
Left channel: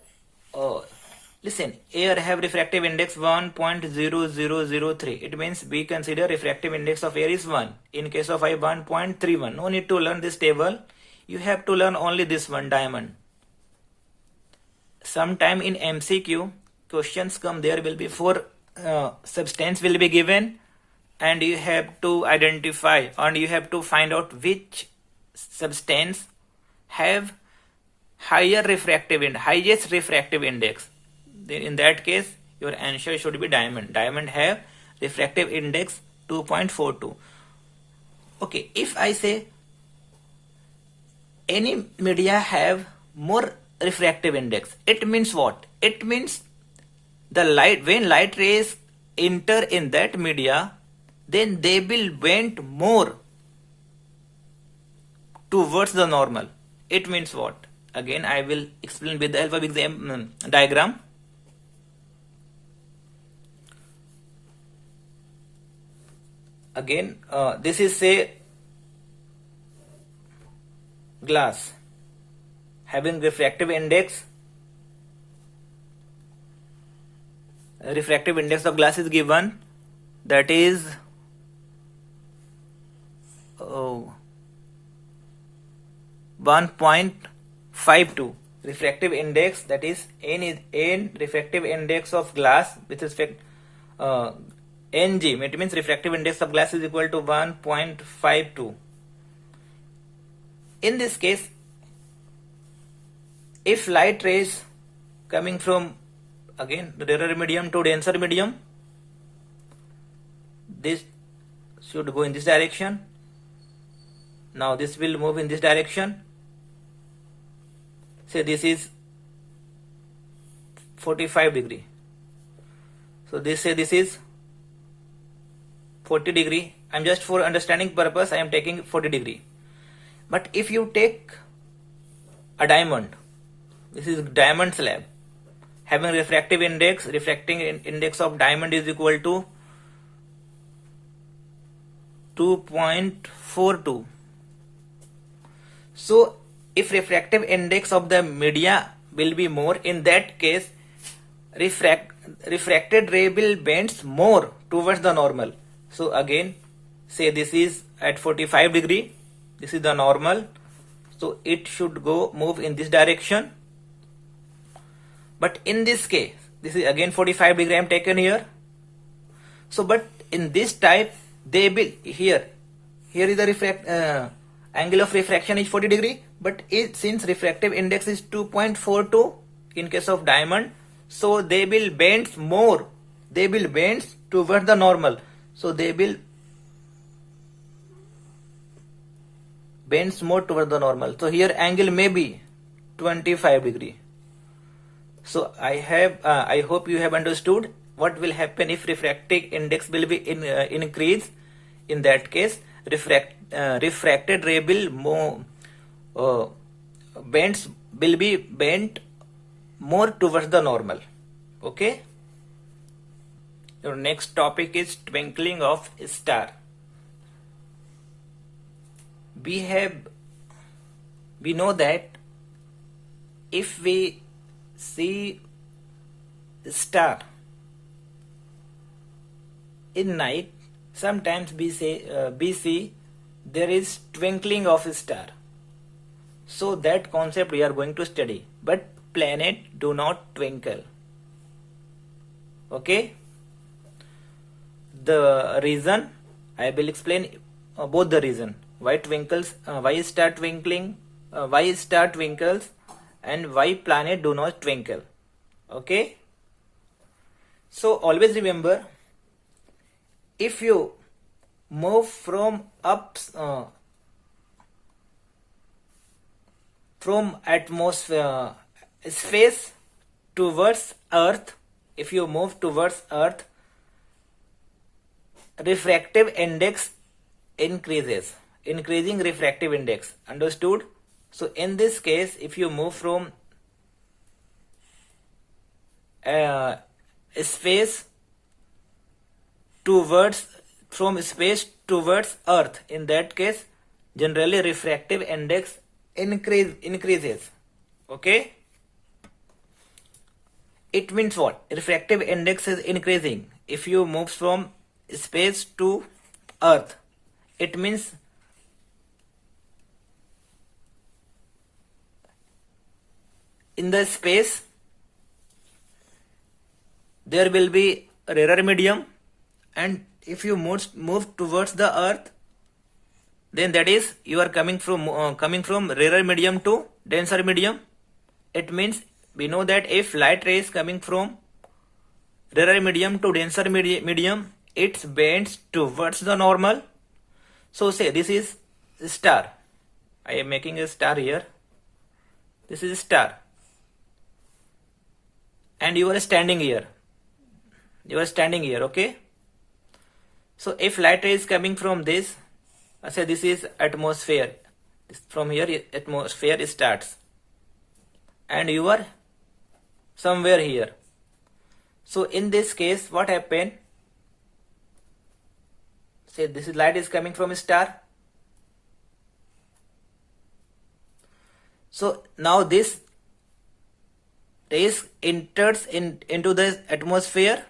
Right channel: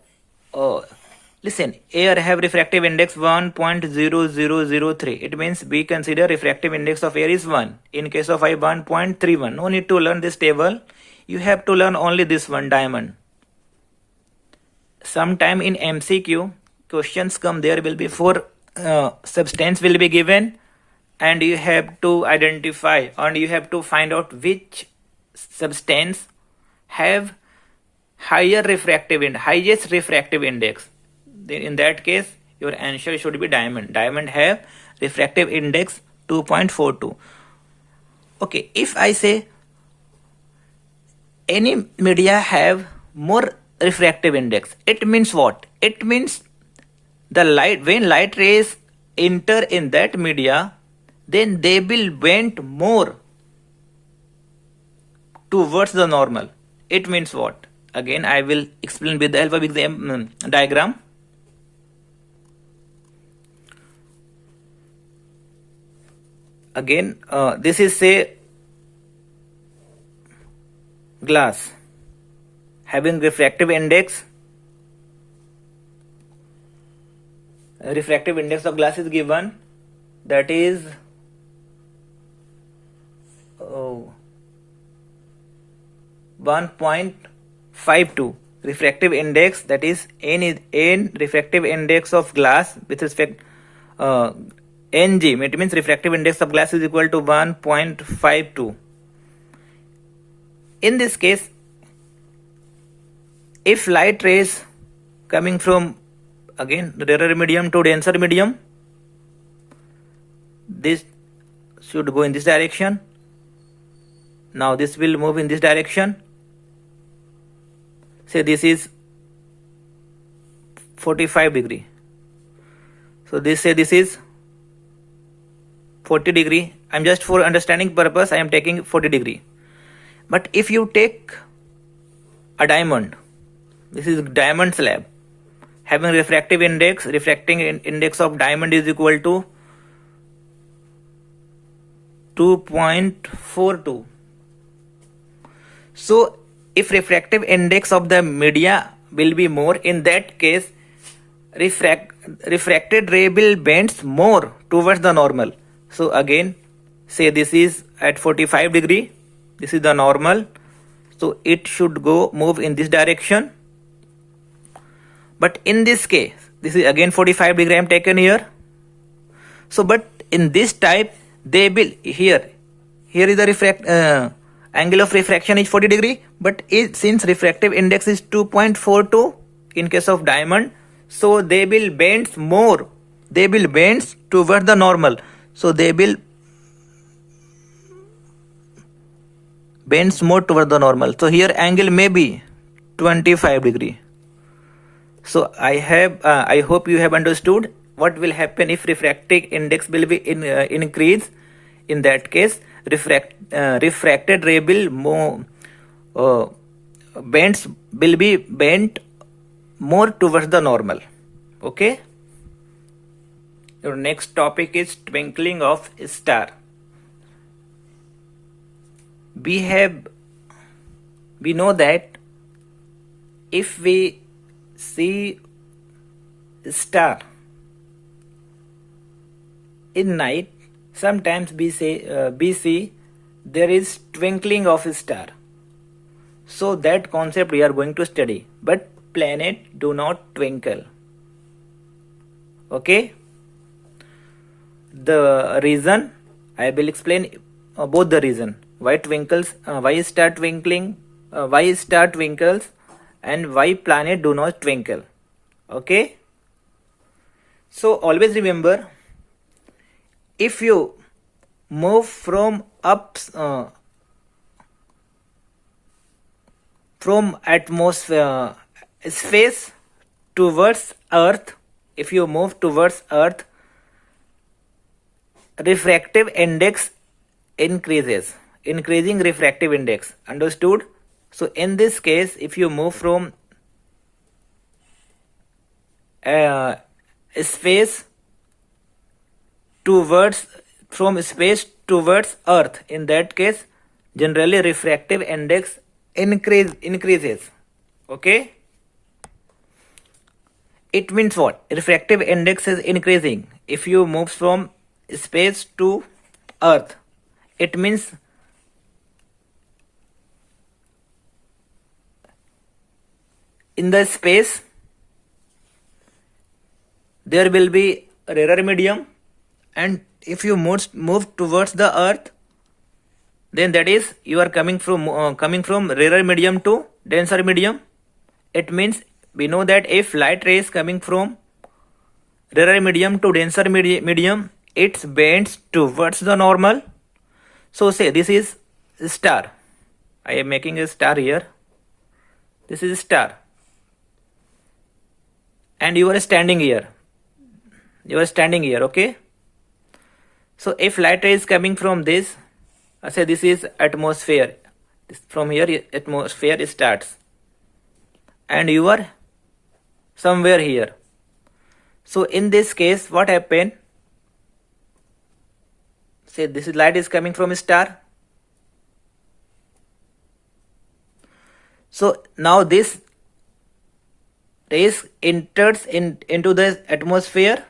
listen, air have refractive index 1.0003. It means we consider refractive index of air is 1. In case of I, 1.31. No need to learn this table. You have to learn only this one, diamond. Sometime in MCQ, questions come, there will be 4 substance will be given, and you have to identify and you have to find out which substance have highest refractive index. Then in that case your answer should be diamond. Diamond have refractive index 2.42. Okay, if I say any media have more refractive index, it means what? It means the light, when light rays enter in that media, then they will bend more towards the normal. It means what? Again, I will explain with the help of diagram. Again, this is say glass having refractive index. Refractive index of glass is given, that is 1.52 refractive index, that is n refractive index of glass with respect Ng, it means refractive index of glass is equal to 1.52. In this case, if light rays coming from again rarer medium to denser medium, this should go in this direction. Now this will move in this direction. Say this is 45 degree. So this is 40 degree. I'm just for understanding purpose, I am taking 40 degree. But if you take a diamond, this is diamond slab having refractive index, refracting index of diamond is equal to 2.42. So if refractive index of the media will be more, in that case refracted ray will bend more towards the normal. So again, say this is at 45 degree, this is the normal, so it should move in this direction. But in this case, this is again 45 degree I am taken here. So but in this type, they will here is the angle of refraction is 40 degree, but since refractive index is 2.42 in case of diamond, so they will bend more, they will bend towards the normal, so they will bends more towards the normal. So here angle may be 25 degree. So I hope you have understood what will happen if refractive index will be increase. In that case, refracted ray will will be bent more towards the normal. Okay. Your next topic is twinkling of star. We know that if we see star in night, sometimes we see there is twinkling of a star. So that concept we are going to study. But planet do not twinkle. Okay. The reason I will explain both the reason why star twinkles, and why planet do not twinkle. Okay. So always remember, if you move from atmosphere space towards earth, if you move towards earth, refractive index increasing refractive index. Understood? So in this case, if you move from space towards earth, in that case generally refractive index increases. Okay. It means what? Refractive index is increasing if you move from space to earth. It means in the space there will be rarer medium, and if you move towards the earth, then that is you are coming from rarer medium to denser medium. It means we know that if light rays coming from rarer medium to denser medium, it bends towards the normal. So say this is star. I am making a star here. This is star. And you are standing here. You are standing here, okay? So if light ray is coming from this, say this is atmosphere. From here atmosphere starts. And you are somewhere here. So in this case, what happened? Say this light is coming from a star. So now this rays enters into the atmosphere.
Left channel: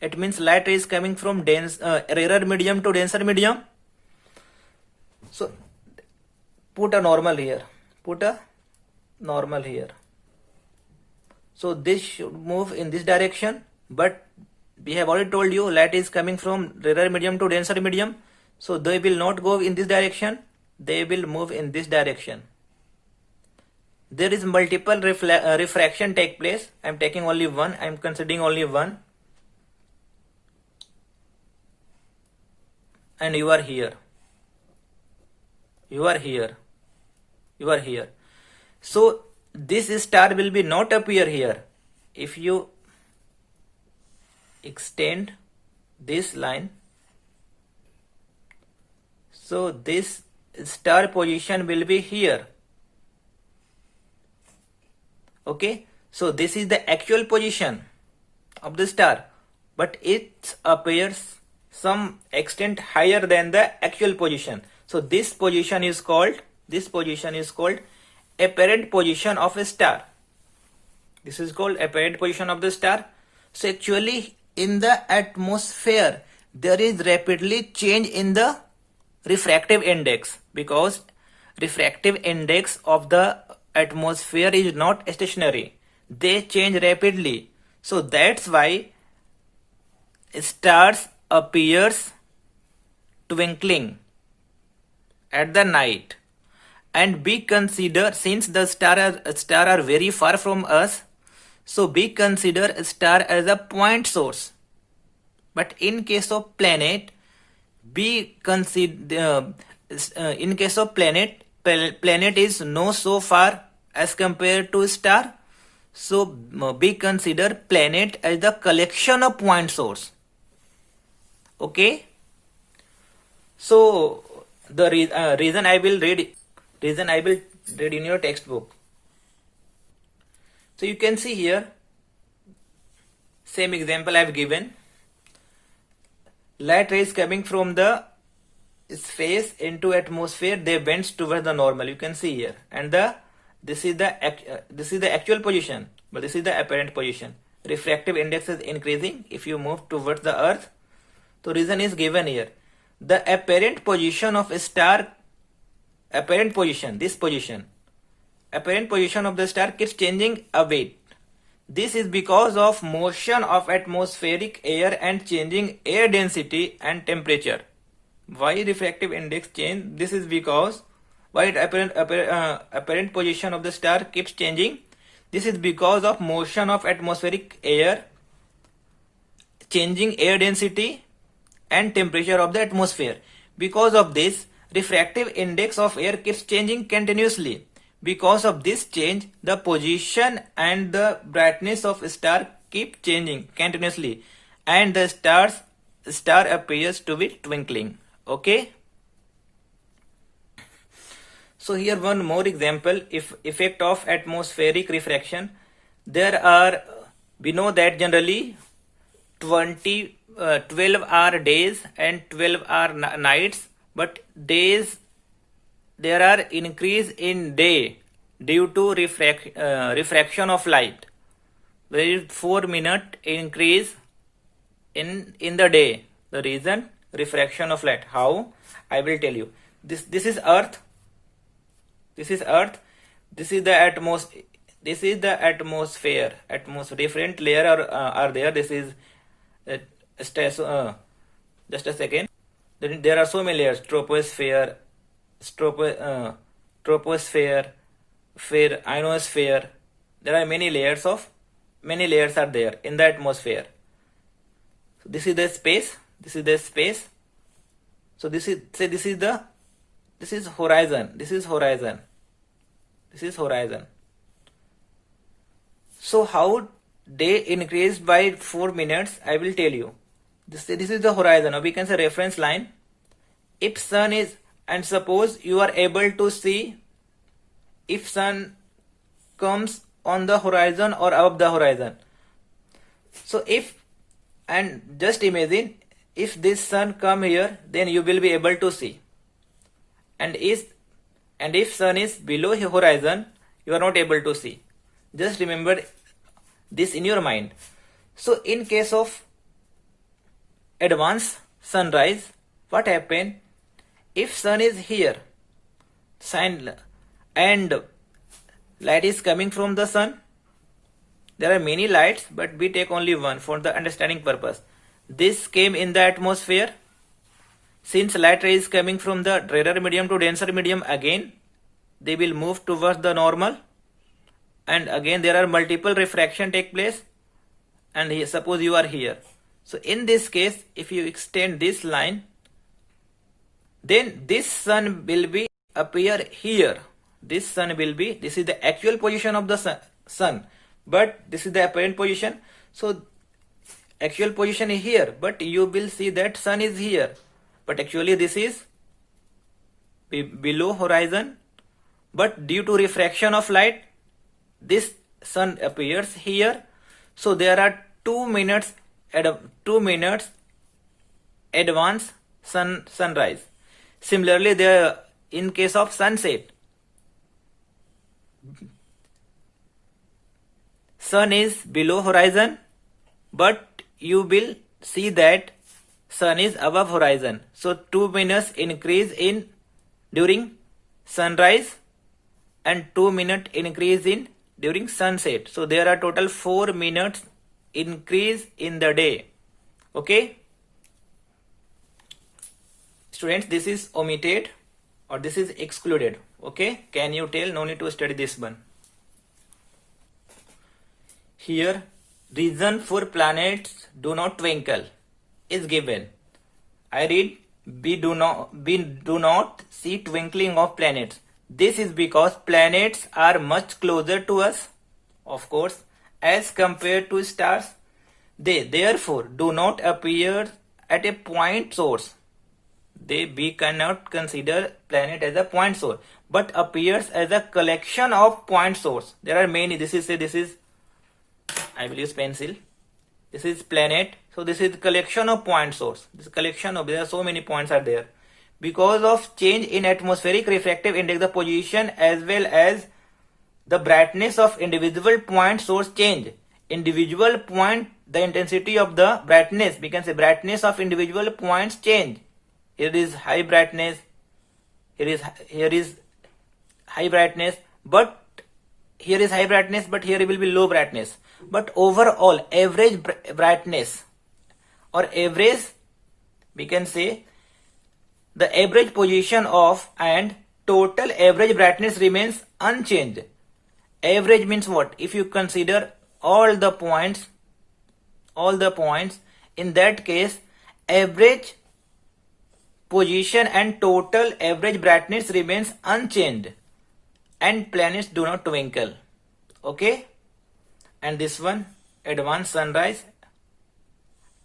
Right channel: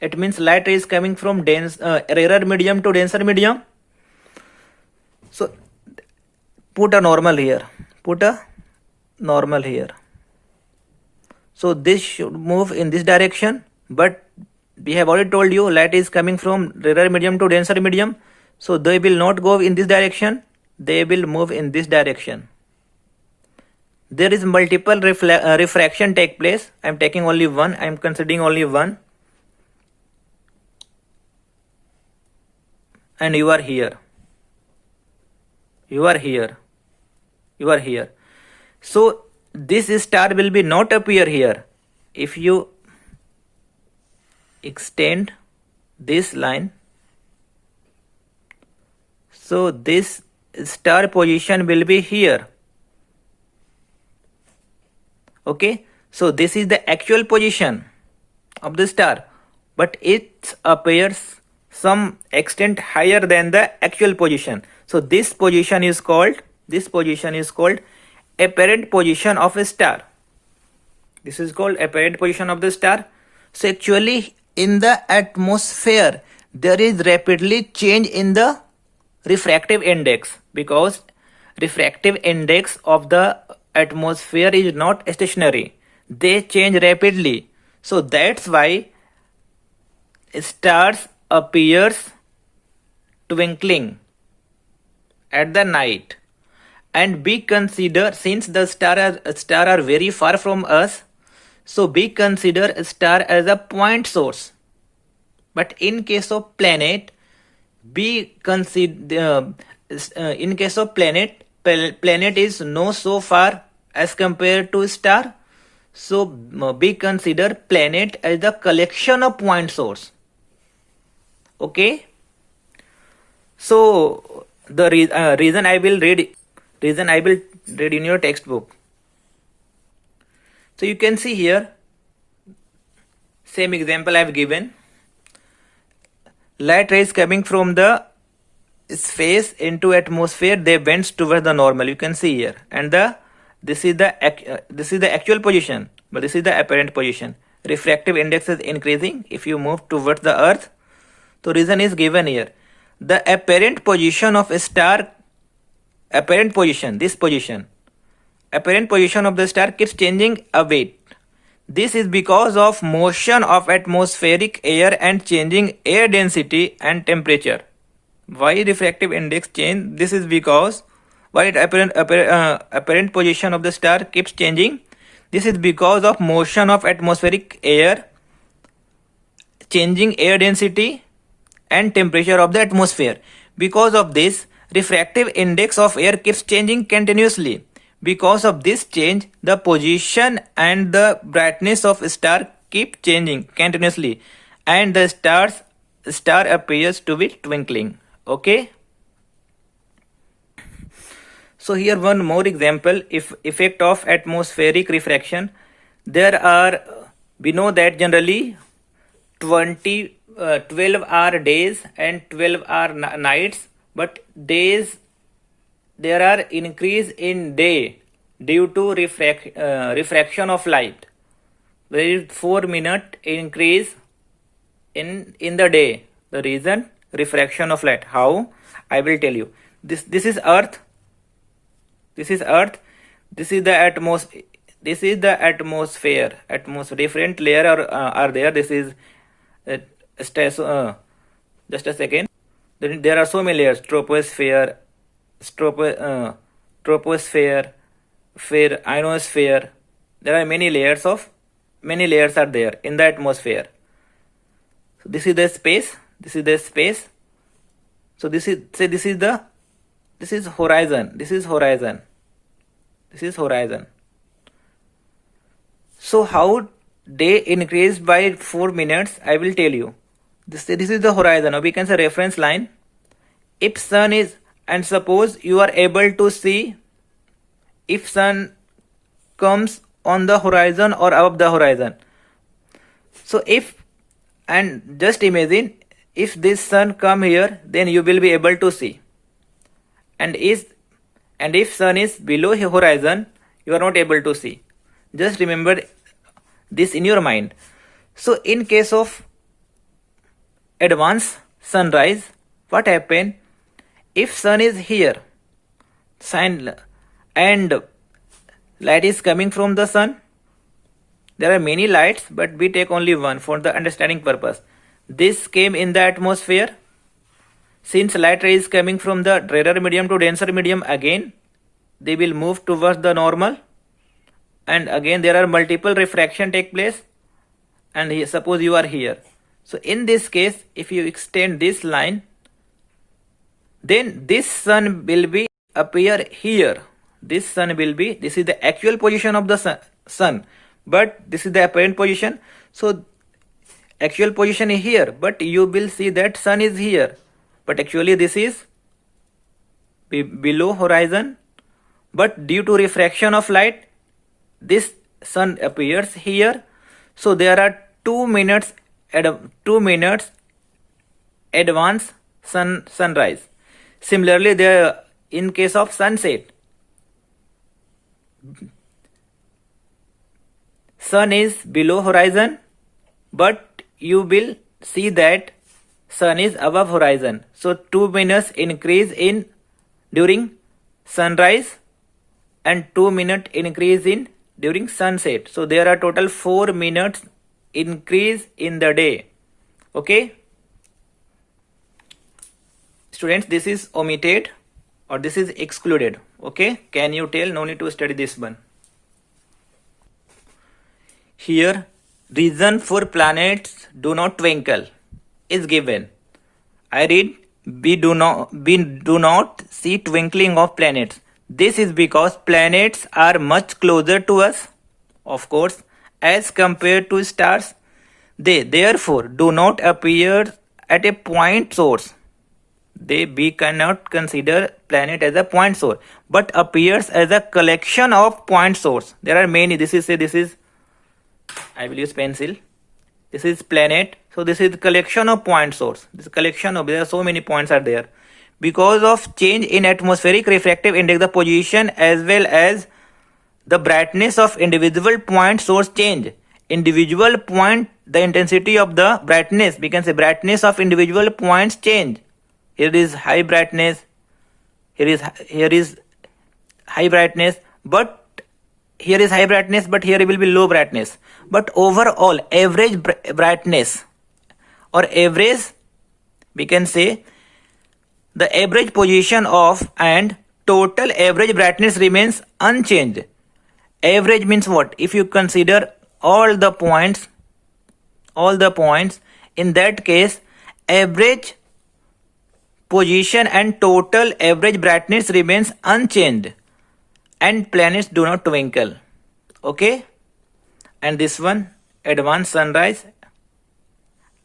It means light ray is coming from rarer medium to denser medium. So put a normal here. Put a normal here. So this should move in this direction. But we have already told you light is coming from rarer medium to denser medium. So they will not go in this direction. They will move in this direction. There is multiple refraction take place. I am taking only one. I am considering only one. And you are here. You are here. You are here. So this star will be not appear here. If you extend this line, so this star position will be here. Okay, so this is the actual position of the star, but it appears some extent higher than the actual position. So this position is called apparent position of a star. This is called apparent position of the star. So actually in the atmosphere there is rapidly change in the refractive index, because refractive index of the atmosphere is not stationary. They change rapidly. So that's why stars appears twinkling at the night. And we consider, since the star are very far from us, so we consider a star as a point source. But in case of planet, we consider in case of planet is no so far as compared to star. So we consider planet as the collection of point source. Okay. So the reason I will read in your textbook. So you can see here, same example I have given. Light rays coming from the space into atmosphere, they bends towards the normal. You can see here, and this is the actual position, but this is the apparent position. Refractive index is increasing if you move towards the earth. So reason is given here. The apparent position of a star, apparent position of the star keeps changing a bit. This is because of motion of atmospheric air and changing air density and temperature. Why refractive index change? This is because why apparent position of the star keeps changing. This is because of motion of atmospheric air, changing air density and temperature of the atmosphere. Because of this, refractive index of air keeps changing continuously. Because of this change, the position and the brightness of a star keep changing continuously, and the star appears to be twinkling. Okay. So here one more example, if effect of atmospheric refraction. We know that generally 12-hour days and 12-hour nights, but days there are increase in day due to refraction of light. There is 4-minute increase in the day. The reason, refraction of light. How? I will tell you. This is earth. This is earth. This is the atmosphere. This is the atmosphere. Different layer are there. This is just a second. There are so many layers. Troposphere, ionosphere. There are many layers are there in the atmosphere. So this is the space This is the space. So this is, say this is the, this is horizon, this is horizon, this is horizon. So how day increased by 4 minutes, I will tell you. This is the horizon, or we can say reference line. If sun is, and suppose you are able to see if sun comes on the horizon or above the horizon. So if, and just imagine if this sun come here, then you will be able to see. And if sun is below horizon, you are not able to see. Just remember this in your mind. So in case of advanced sunrise, what happen? If sun is here, and light is coming from the sun, there are many lights, but we take only one for the understanding purpose. This came in the atmosphere. Since light ray is coming from the rarer medium to denser medium, again they will move towards the normal, and again there are multiple refraction take place, and suppose you are here. So in this case, if you extend this line, then this sun will be appear here. This sun will be, this is the actual position of the sun, but this is the apparent position. So actual position is here, but you will see that sun is here, but actually this is below horizon. But due to refraction of light, this sun appears here. So there are 2 minutes advance sunrise. Similarly, there in case of sunset, sun is below horizon, but you will see that sun is above horizon. So 2 minutes increase in during sunrise and 2 minute increase in during sunset. So there are total 4 minutes increase in the day. Okay, students, this is omitted or this is excluded. Okay, can you tell? No need to study this one. Here, reason for planets do not twinkle is given. I read, we do not see twinkling of planets. This is because planets are much closer to us, of course, as compared to stars. They therefore do not appear at a point source. We cannot consider planet as a point source, but appears as a collection of point source. There are many. This is I will use pencil. This is planet. So this is collection of point source. This collection of, there are so many points are there. Because of change in atmospheric refractive index, the position as well as the brightness of individual point source change. Individual point, the intensity of the brightness, we can say brightness of individual points change. Here is high brightness, here is high brightness, but here is high brightness, but here will be low brightness. But overall average brightness or average, we can say the average position of and total average brightness remains unchanged. Average means what? If you consider all the points, in that case average position and total average brightness remains unchanged and planets do not twinkle. Okay, and this one, advanced sunrise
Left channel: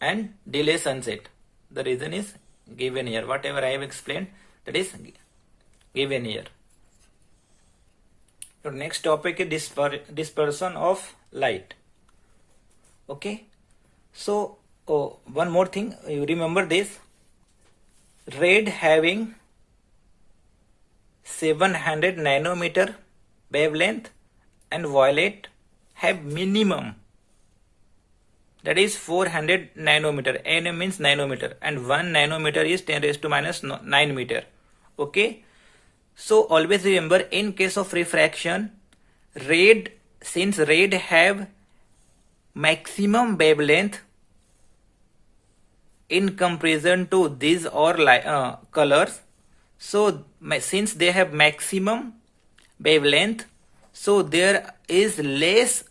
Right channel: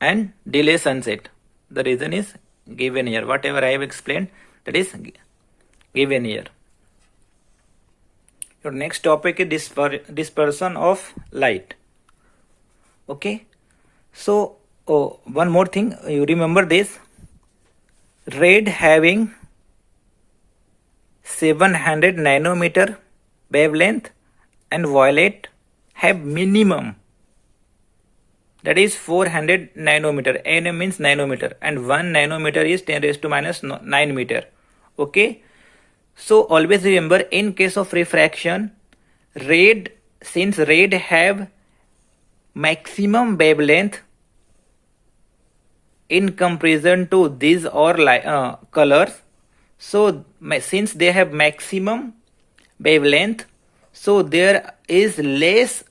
and delay sunset, the reason is given here. Whatever I have explained, that is given here. Your next topic is dispersion of light. Okay, so one more thing, you remember this: red having 700 nanometer wavelength and violet have minimum, that is 400 nanometer. Nm means nanometer, and 1 nanometer is 10 raised to minus 9 meter. Okay, so always remember, in case of refraction, since red have maximum wavelength in comparison to these or colors, so since they have maximum wavelength, so there is less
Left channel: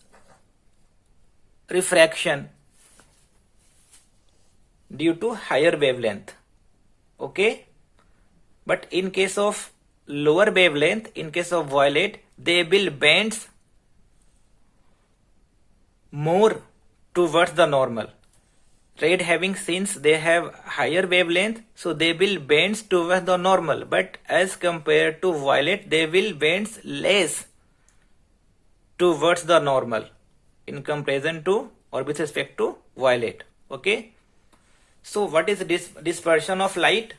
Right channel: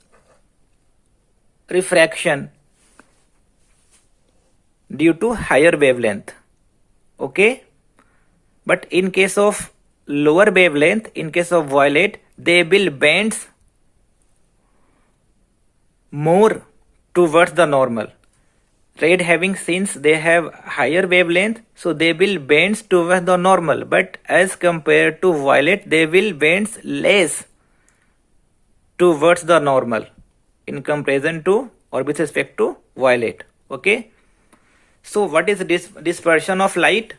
refraction. due to higher wavelength. Okay, but in case of lower wavelength, in case of violet, they will bend more towards the normal. Red having, since they have higher wavelength, so they will bend towards the normal, but as compared to violet, they will bend less towards the normal in comparison to or with respect to violet. Okay, so what is this dispersion of light?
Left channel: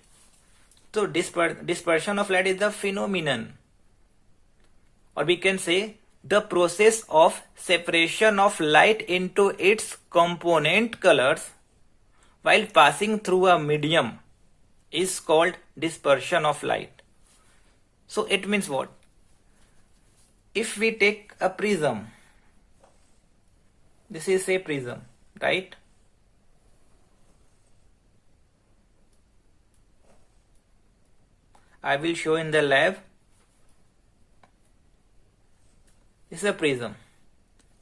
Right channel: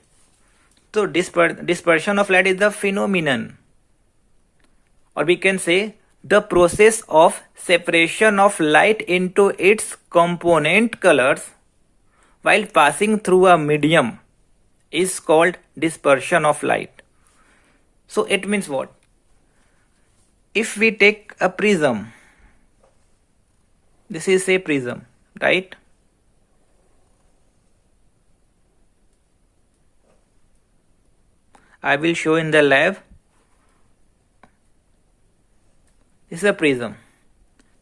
So dispersion of light is the phenomenon, or we can say the process of separation of light into its component colors while passing through a medium is called dispersion of light. So it means what? If we take a prism, this is a prism, right? I will show in the lab. This is a prism.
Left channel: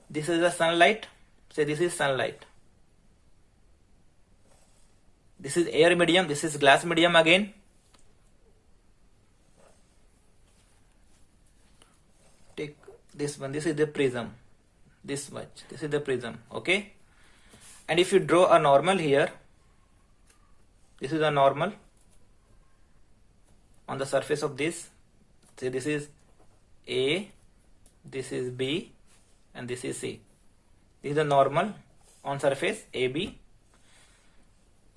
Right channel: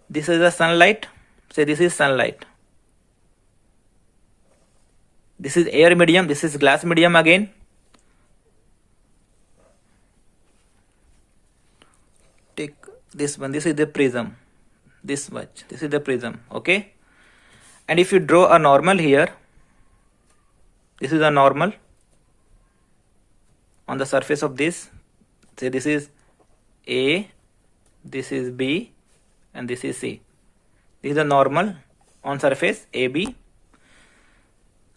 This is the sunlight. Say this is sunlight. This is air medium. This is glass medium again. Take this one. This is the prism. This much. This is the prism. Okay. And if you draw a normal here, this is a normal on the surface of this. Say this is A, this is B, and this is C. This is the normal on surface AB.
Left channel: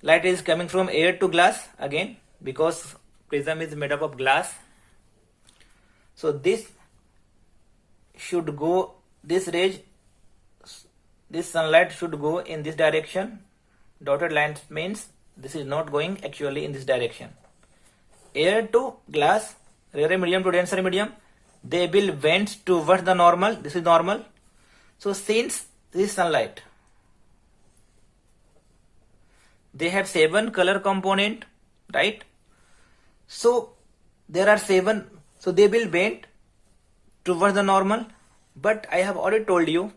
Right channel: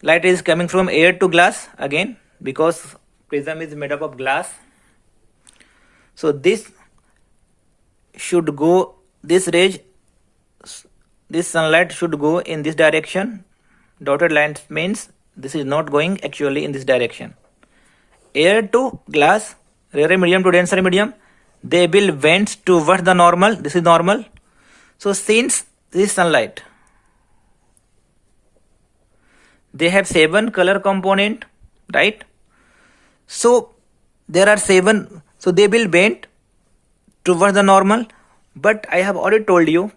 Light is coming from air to glass again, because prism is made up of glass. So this should go, this rays, this sunlight should go in this direction. Dotted line means this is not going actually in this direction. Air to glass, rarer medium to denser medium, they will bend towards the normal. This is normal. So since this sunlight, they have 7 color component, right? So there are 7, so they will bend towards the normal. But I have already told you,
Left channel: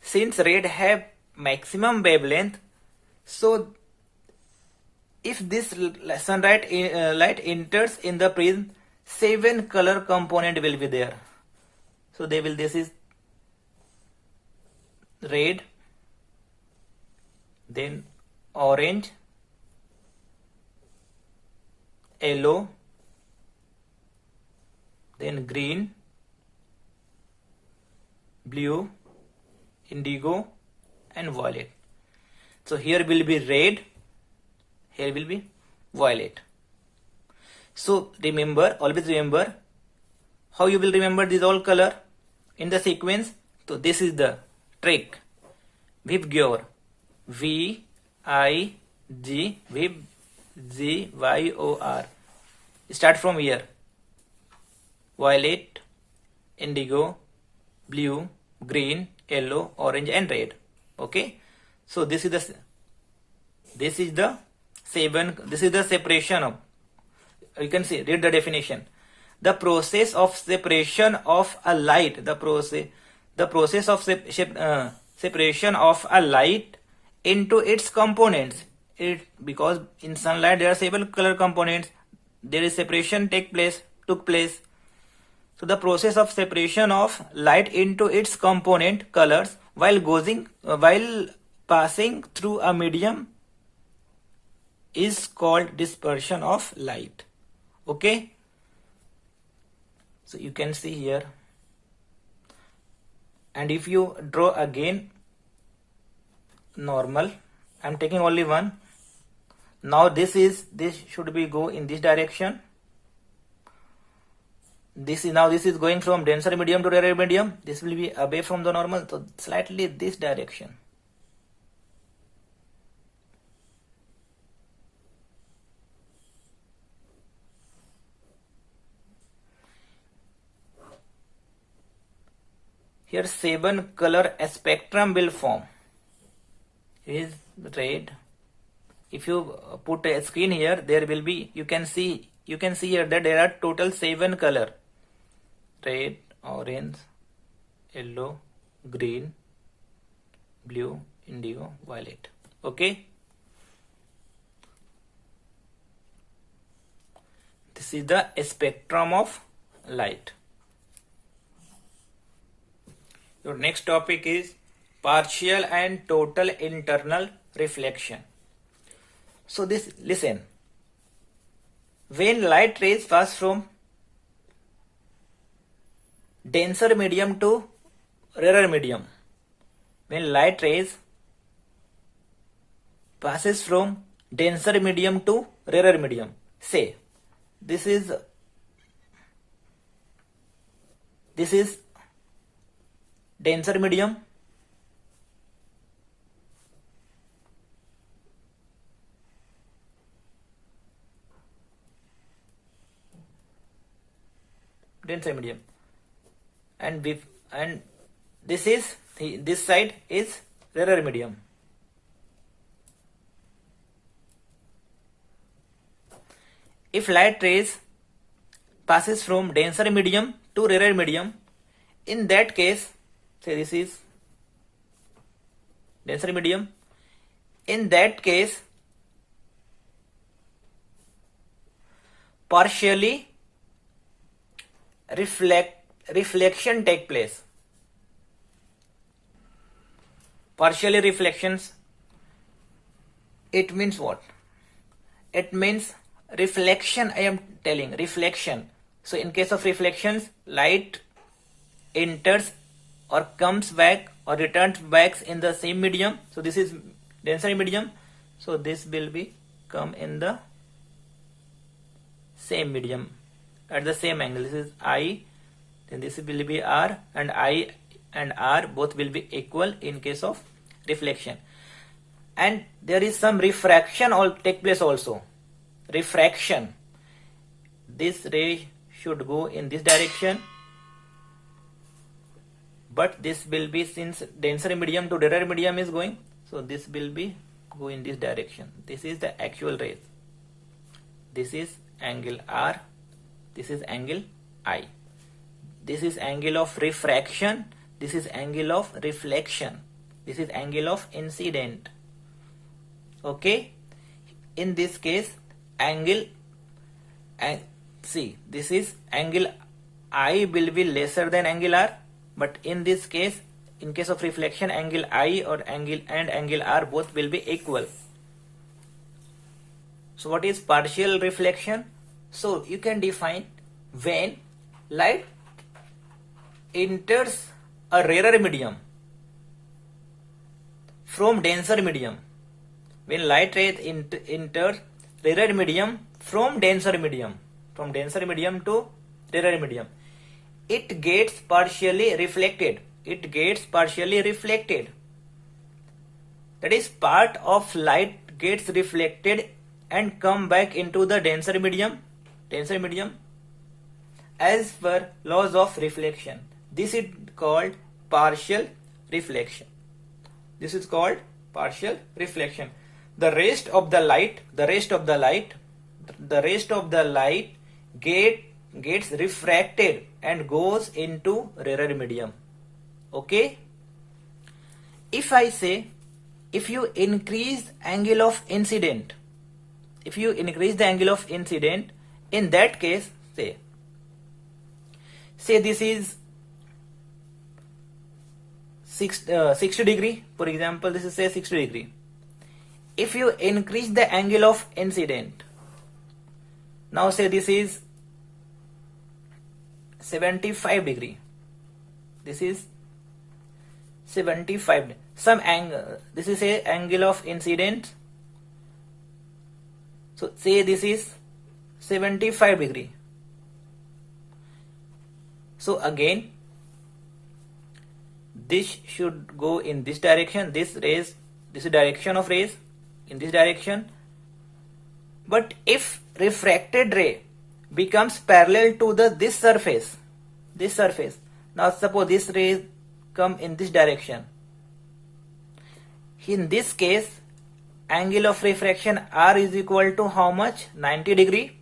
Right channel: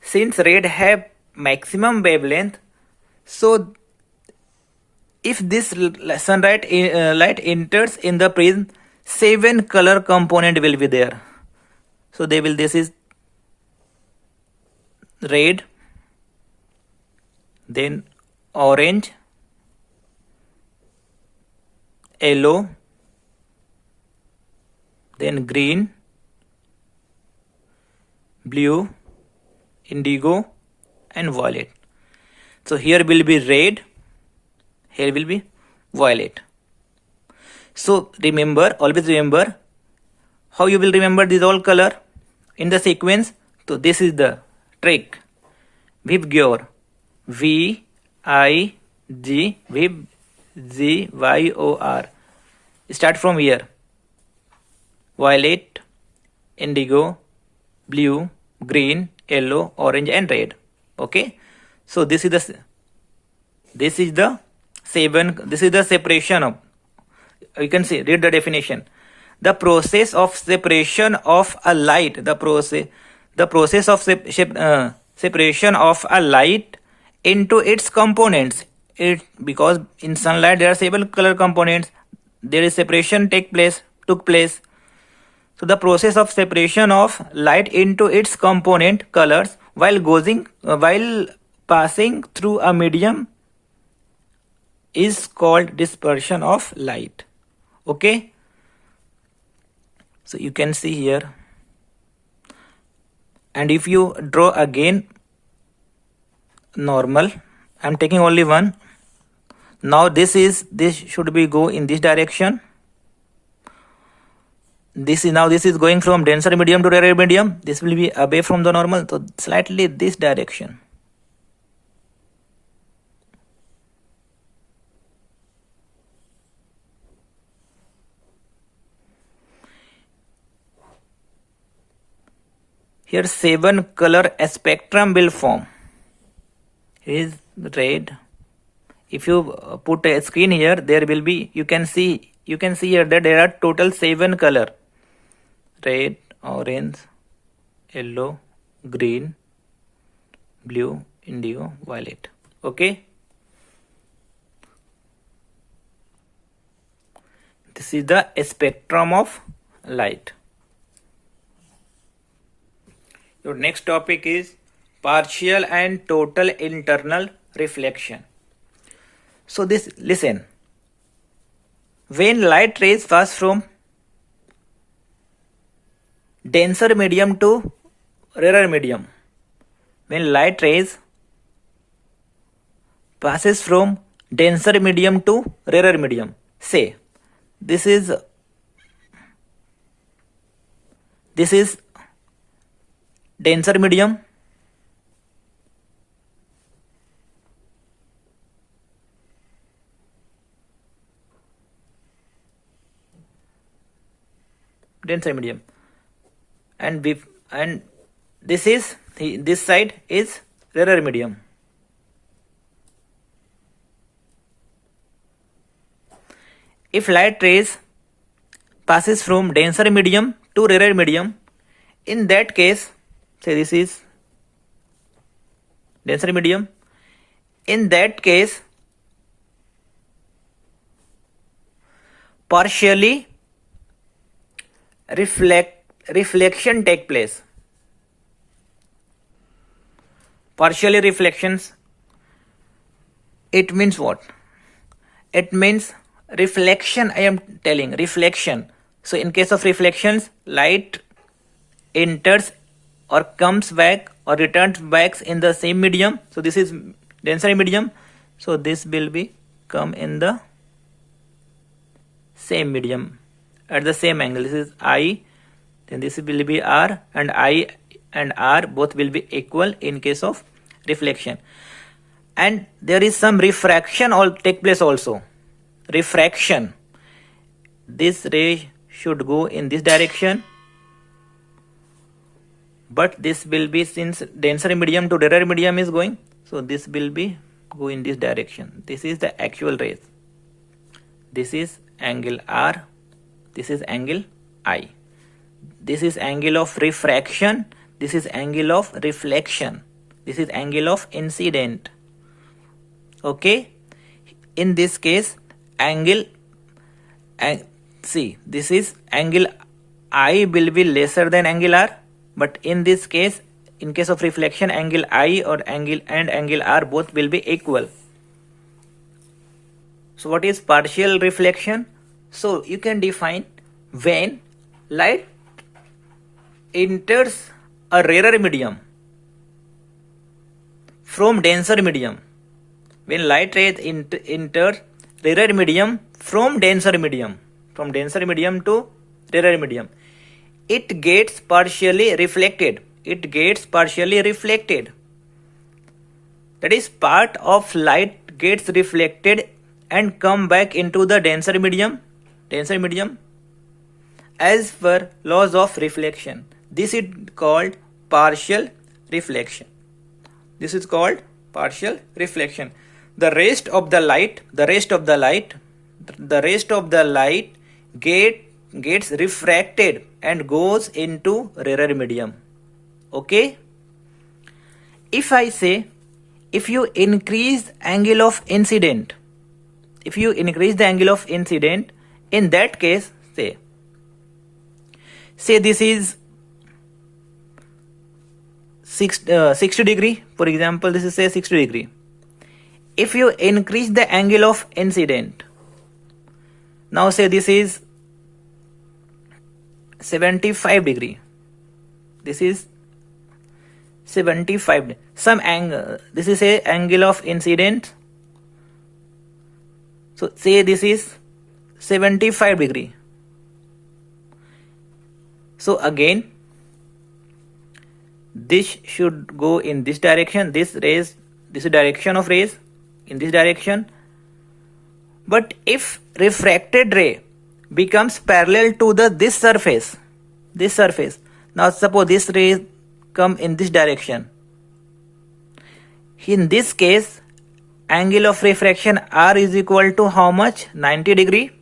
since red have maximum wavelength, so if this sunlight light enters in the prism, 7 color component will be there. So they will, this is red, then orange, yellow, then green, blue, indigo, and violet. So here will be red, here will be violet. So remember, always remember how you will remember this all color in the sequence. So this is the trick. Vigor, V I G, Vib, Z Y O R. Start from here. Violet, indigo, blue, green, yellow, orange, and red. Okay. So this is the 7. This is the separation of. You can see, read the definition. The process of separation of a light. The process of separation of a light into its components. Because in sunlight there are several color components, there is separation took place. So the process of separation of light into its component colors while passing through a medium is called dispersion of light. Okay. So you can see here. And if you draw again normal, I'm taking only one. Now this should be go in this direction. This is going from denser medium to rarer medium. This will be away from the normal, so slightly this direction. Here 7 color spectrum will form. Here is red. If you put a screen here, there will be, you can see here that there are total 7 color. Red, orange, yellow, green, blue, indigo, violet. Okay. This is the spectrum of light. Your next topic is partial and total internal reflection. So listen. When light rays pass from denser medium to rarer medium, when light rays passes from denser medium to rarer medium, say this is denser medium, and this side is rarer medium. If light rays passes from denser medium to rarer medium, in that case, say this is denser medium. In that case, partially reflection take place. Partially reflections, it means what? It means reflection. I am telling reflection. So in case of reflections, light enters or comes back or returns back in the same medium. So this is denser medium. So this will be come in the same medium at the same angle. This is I, then this will be R, and I and R both will be equal in case of reflection. And there is some refraction all take place also. Refraction. This ray should go in this direction, but this will be, since denser medium to rarer medium is going, so this will be go in this direction. This is the actual rays. This is angle R, this is angle I. This is angle of refraction, this is angle of reflection, this is angle of incident. Okay, in this case angle, see, this is angle I will be lesser than angle R, but in this case, in case of reflection, angle I or angle R both will be equal. So what is partial reflection? So you can define when light enters a rarer medium from denser medium. When light rays enter rarer medium from denser medium to rarer medium, it gets partially reflected. That is, part of light gets reflected and come back into the denser medium as per laws of reflection. This is called partial reflection. The rest of the light gets refracted and goes into rarer medium. Okay? If I say, if you increase the angle of incident, in that case, say this is 60 degree, for example, this is say 60 degree. If you increase the angle of incident, now say this is 75 degree. This is 75. Some angle. This is a angle of incident. So say this is 75 degree. So again, this should go in this direction. This is direction of rays in this direction. But if refracted ray becomes parallel to this surface, now suppose this ray come in this direction. In this case, angle of refraction R is equal to how much? 90 degree.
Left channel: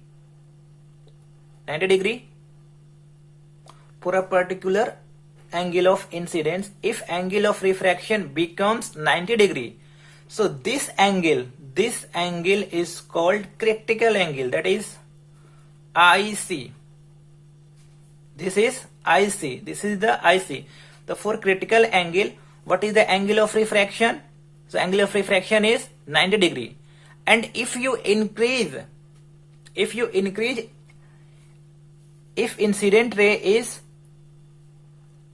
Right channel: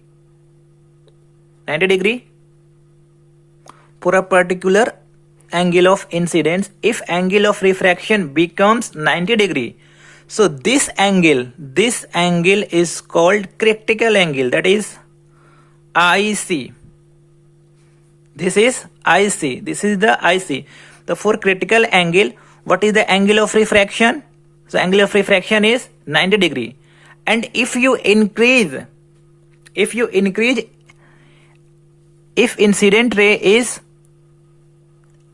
For a particular angle of incidence, if angle of refraction becomes 90 degree, so this angle is called critical angle, that is IC. This is IC. This is the IC. The for critical angle, what is the angle of refraction? So angle of refraction is 90 degree. And if incident ray is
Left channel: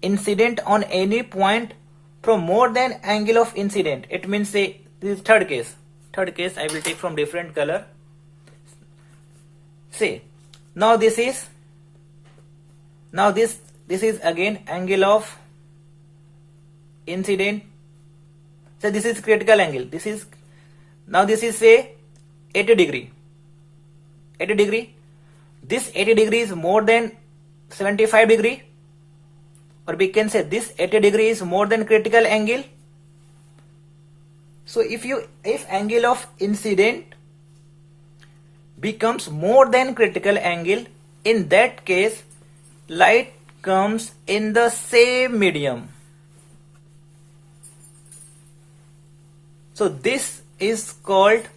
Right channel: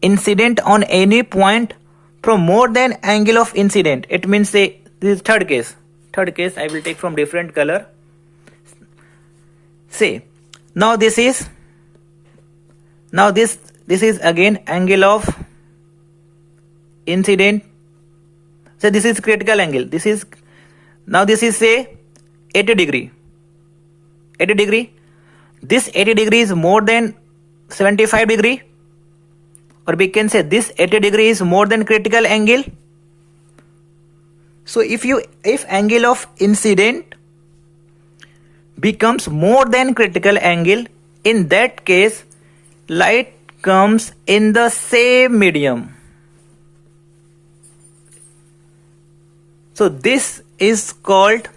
incident on any point from more than angle of incident, it means, say, this is third case I will take from different color. Say now this is again angle of incident. So this is critical angle. This is say 80 degree. This 80 degree is more than 75 degree, or we can say this 80 degree is more than critical angle. So if angle of incident becomes more than critical angle, in that case light comes in the same medium. So this is called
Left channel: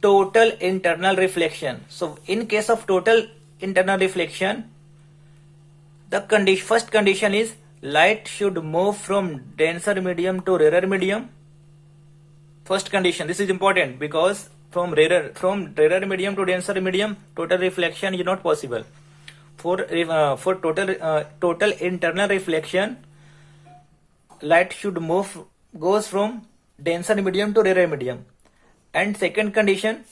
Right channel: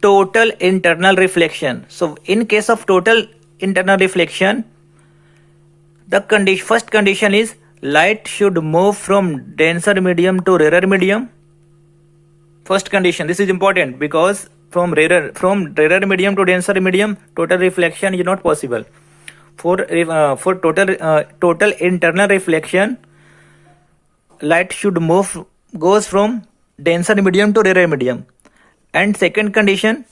total internal reflection. So in case of total internal reflection, the first condition is light should move from denser medium to rarer medium. First condition, this is important because from rarer medium to denser medium, total reflection is not possible. For total internal reflection, light should goes from denser medium to rarer medium. And second condition,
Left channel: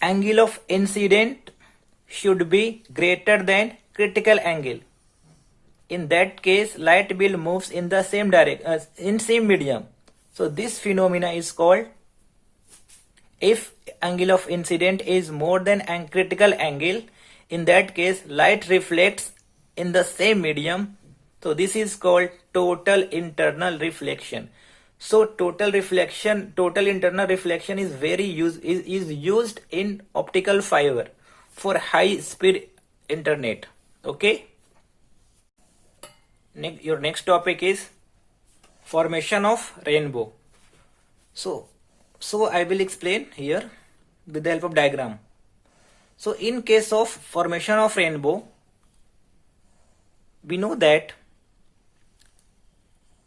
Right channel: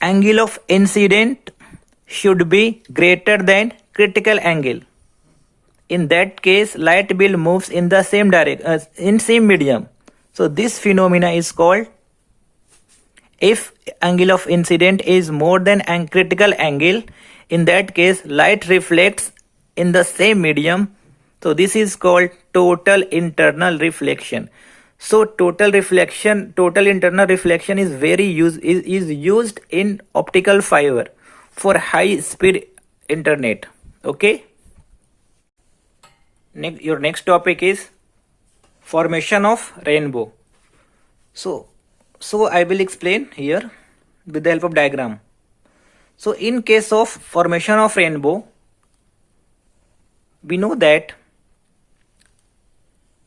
angle of incident should be greater than critical angle. In that case, light will moves in the same direction, in same medium. So this phenomena is called, if angle of incident is more than critical angle, in that case light reflects in the same medium. So this is called total internal reflection. So total internal reflection is used in optical fiber for high speed internet. Okay. Your next topic is formation of rainbow. So I will explain here with the help of diagram. So in case of formation of rainbow, we know that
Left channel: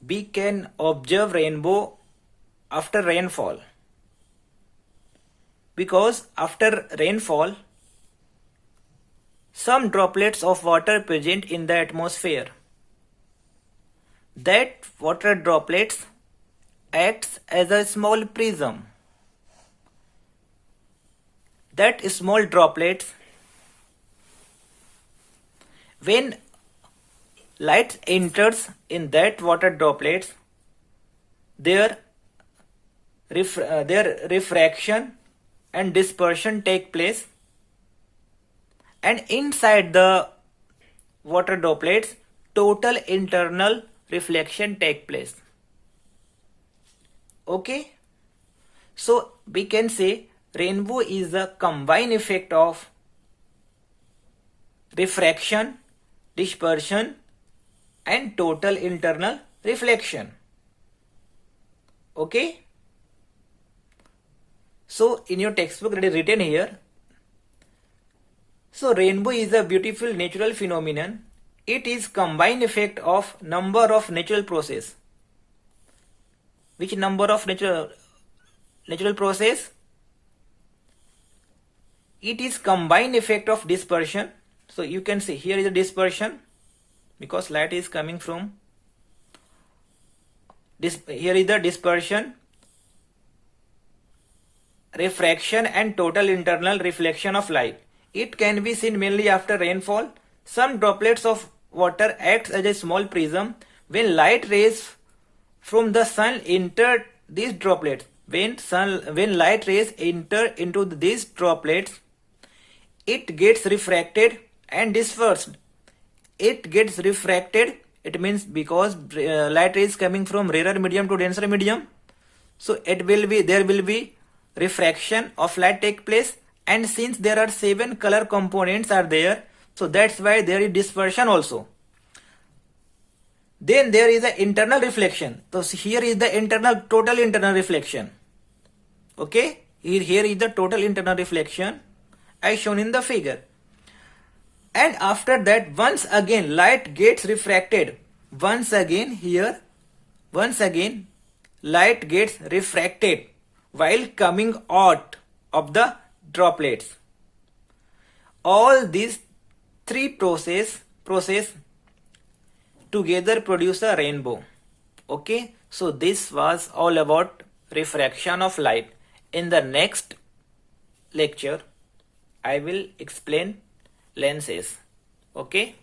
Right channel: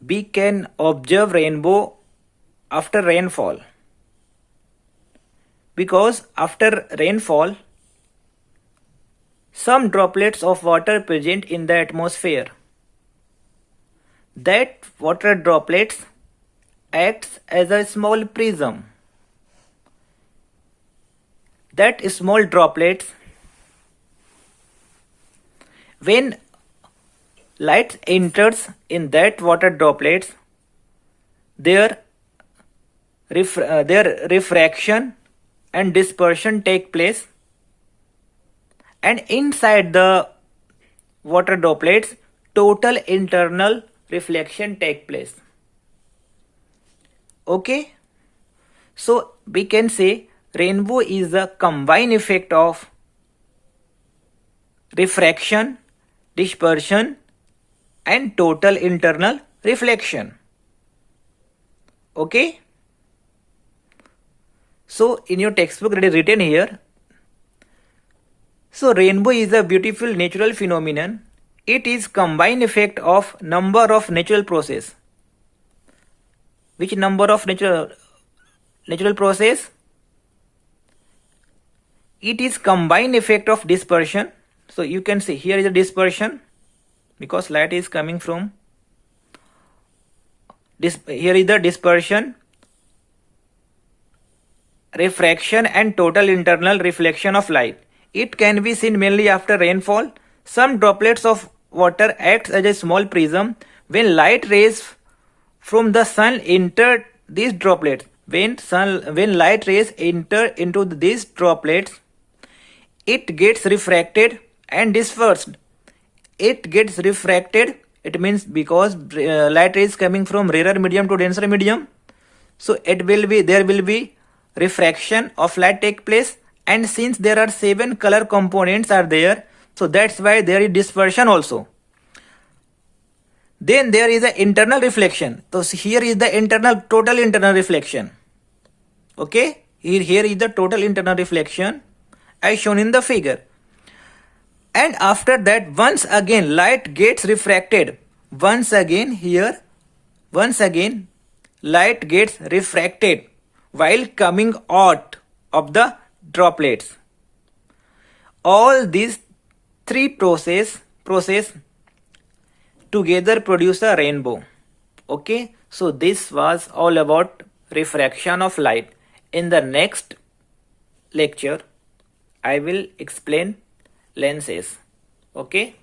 we can observe rainbow after rainfall, because after rainfall some droplets of water present in the atmosphere. That water droplets acts as a small prism. That small droplets, when light enters in that water droplets, their refraction and dispersion take place, and inside the water droplets total internal reflection take place. Okay, so we can say rainbow is the combined effect of refraction, dispersion and total internal reflection. Okay, so in your textbook it is written here. So rainbow is a beautiful natural phenomenon. It is combined effect of number of natural process. Which number of natural process? It is combined effect of dispersion. So you can see here is a dispersion, because light is coming from this. Here is the dispersion, refraction and total internal reflection of light. It can be seen mainly after rainfall. Some droplets of water acts as a small prism. When light rays from the sun enter these droplets, when light rays enter into these droplets, it gets refracted and dispersed. It gets refracted, it means because light rays coming from rarer medium to denser medium, so there will be refraction of light take place. And since there are 7 color components are there, so that's why there is dispersion also. Then there is the internal reflection. So here is the total internal reflection. Okay, here is the total internal reflection. as shown in the figure. And after that, once again light gets refracted. Once again light gets refracted while coming out of the droplets. All these three process together produce a rainbow. Okay, so this was all about refraction of light. In the next lecture, I will explain lenses. Okay.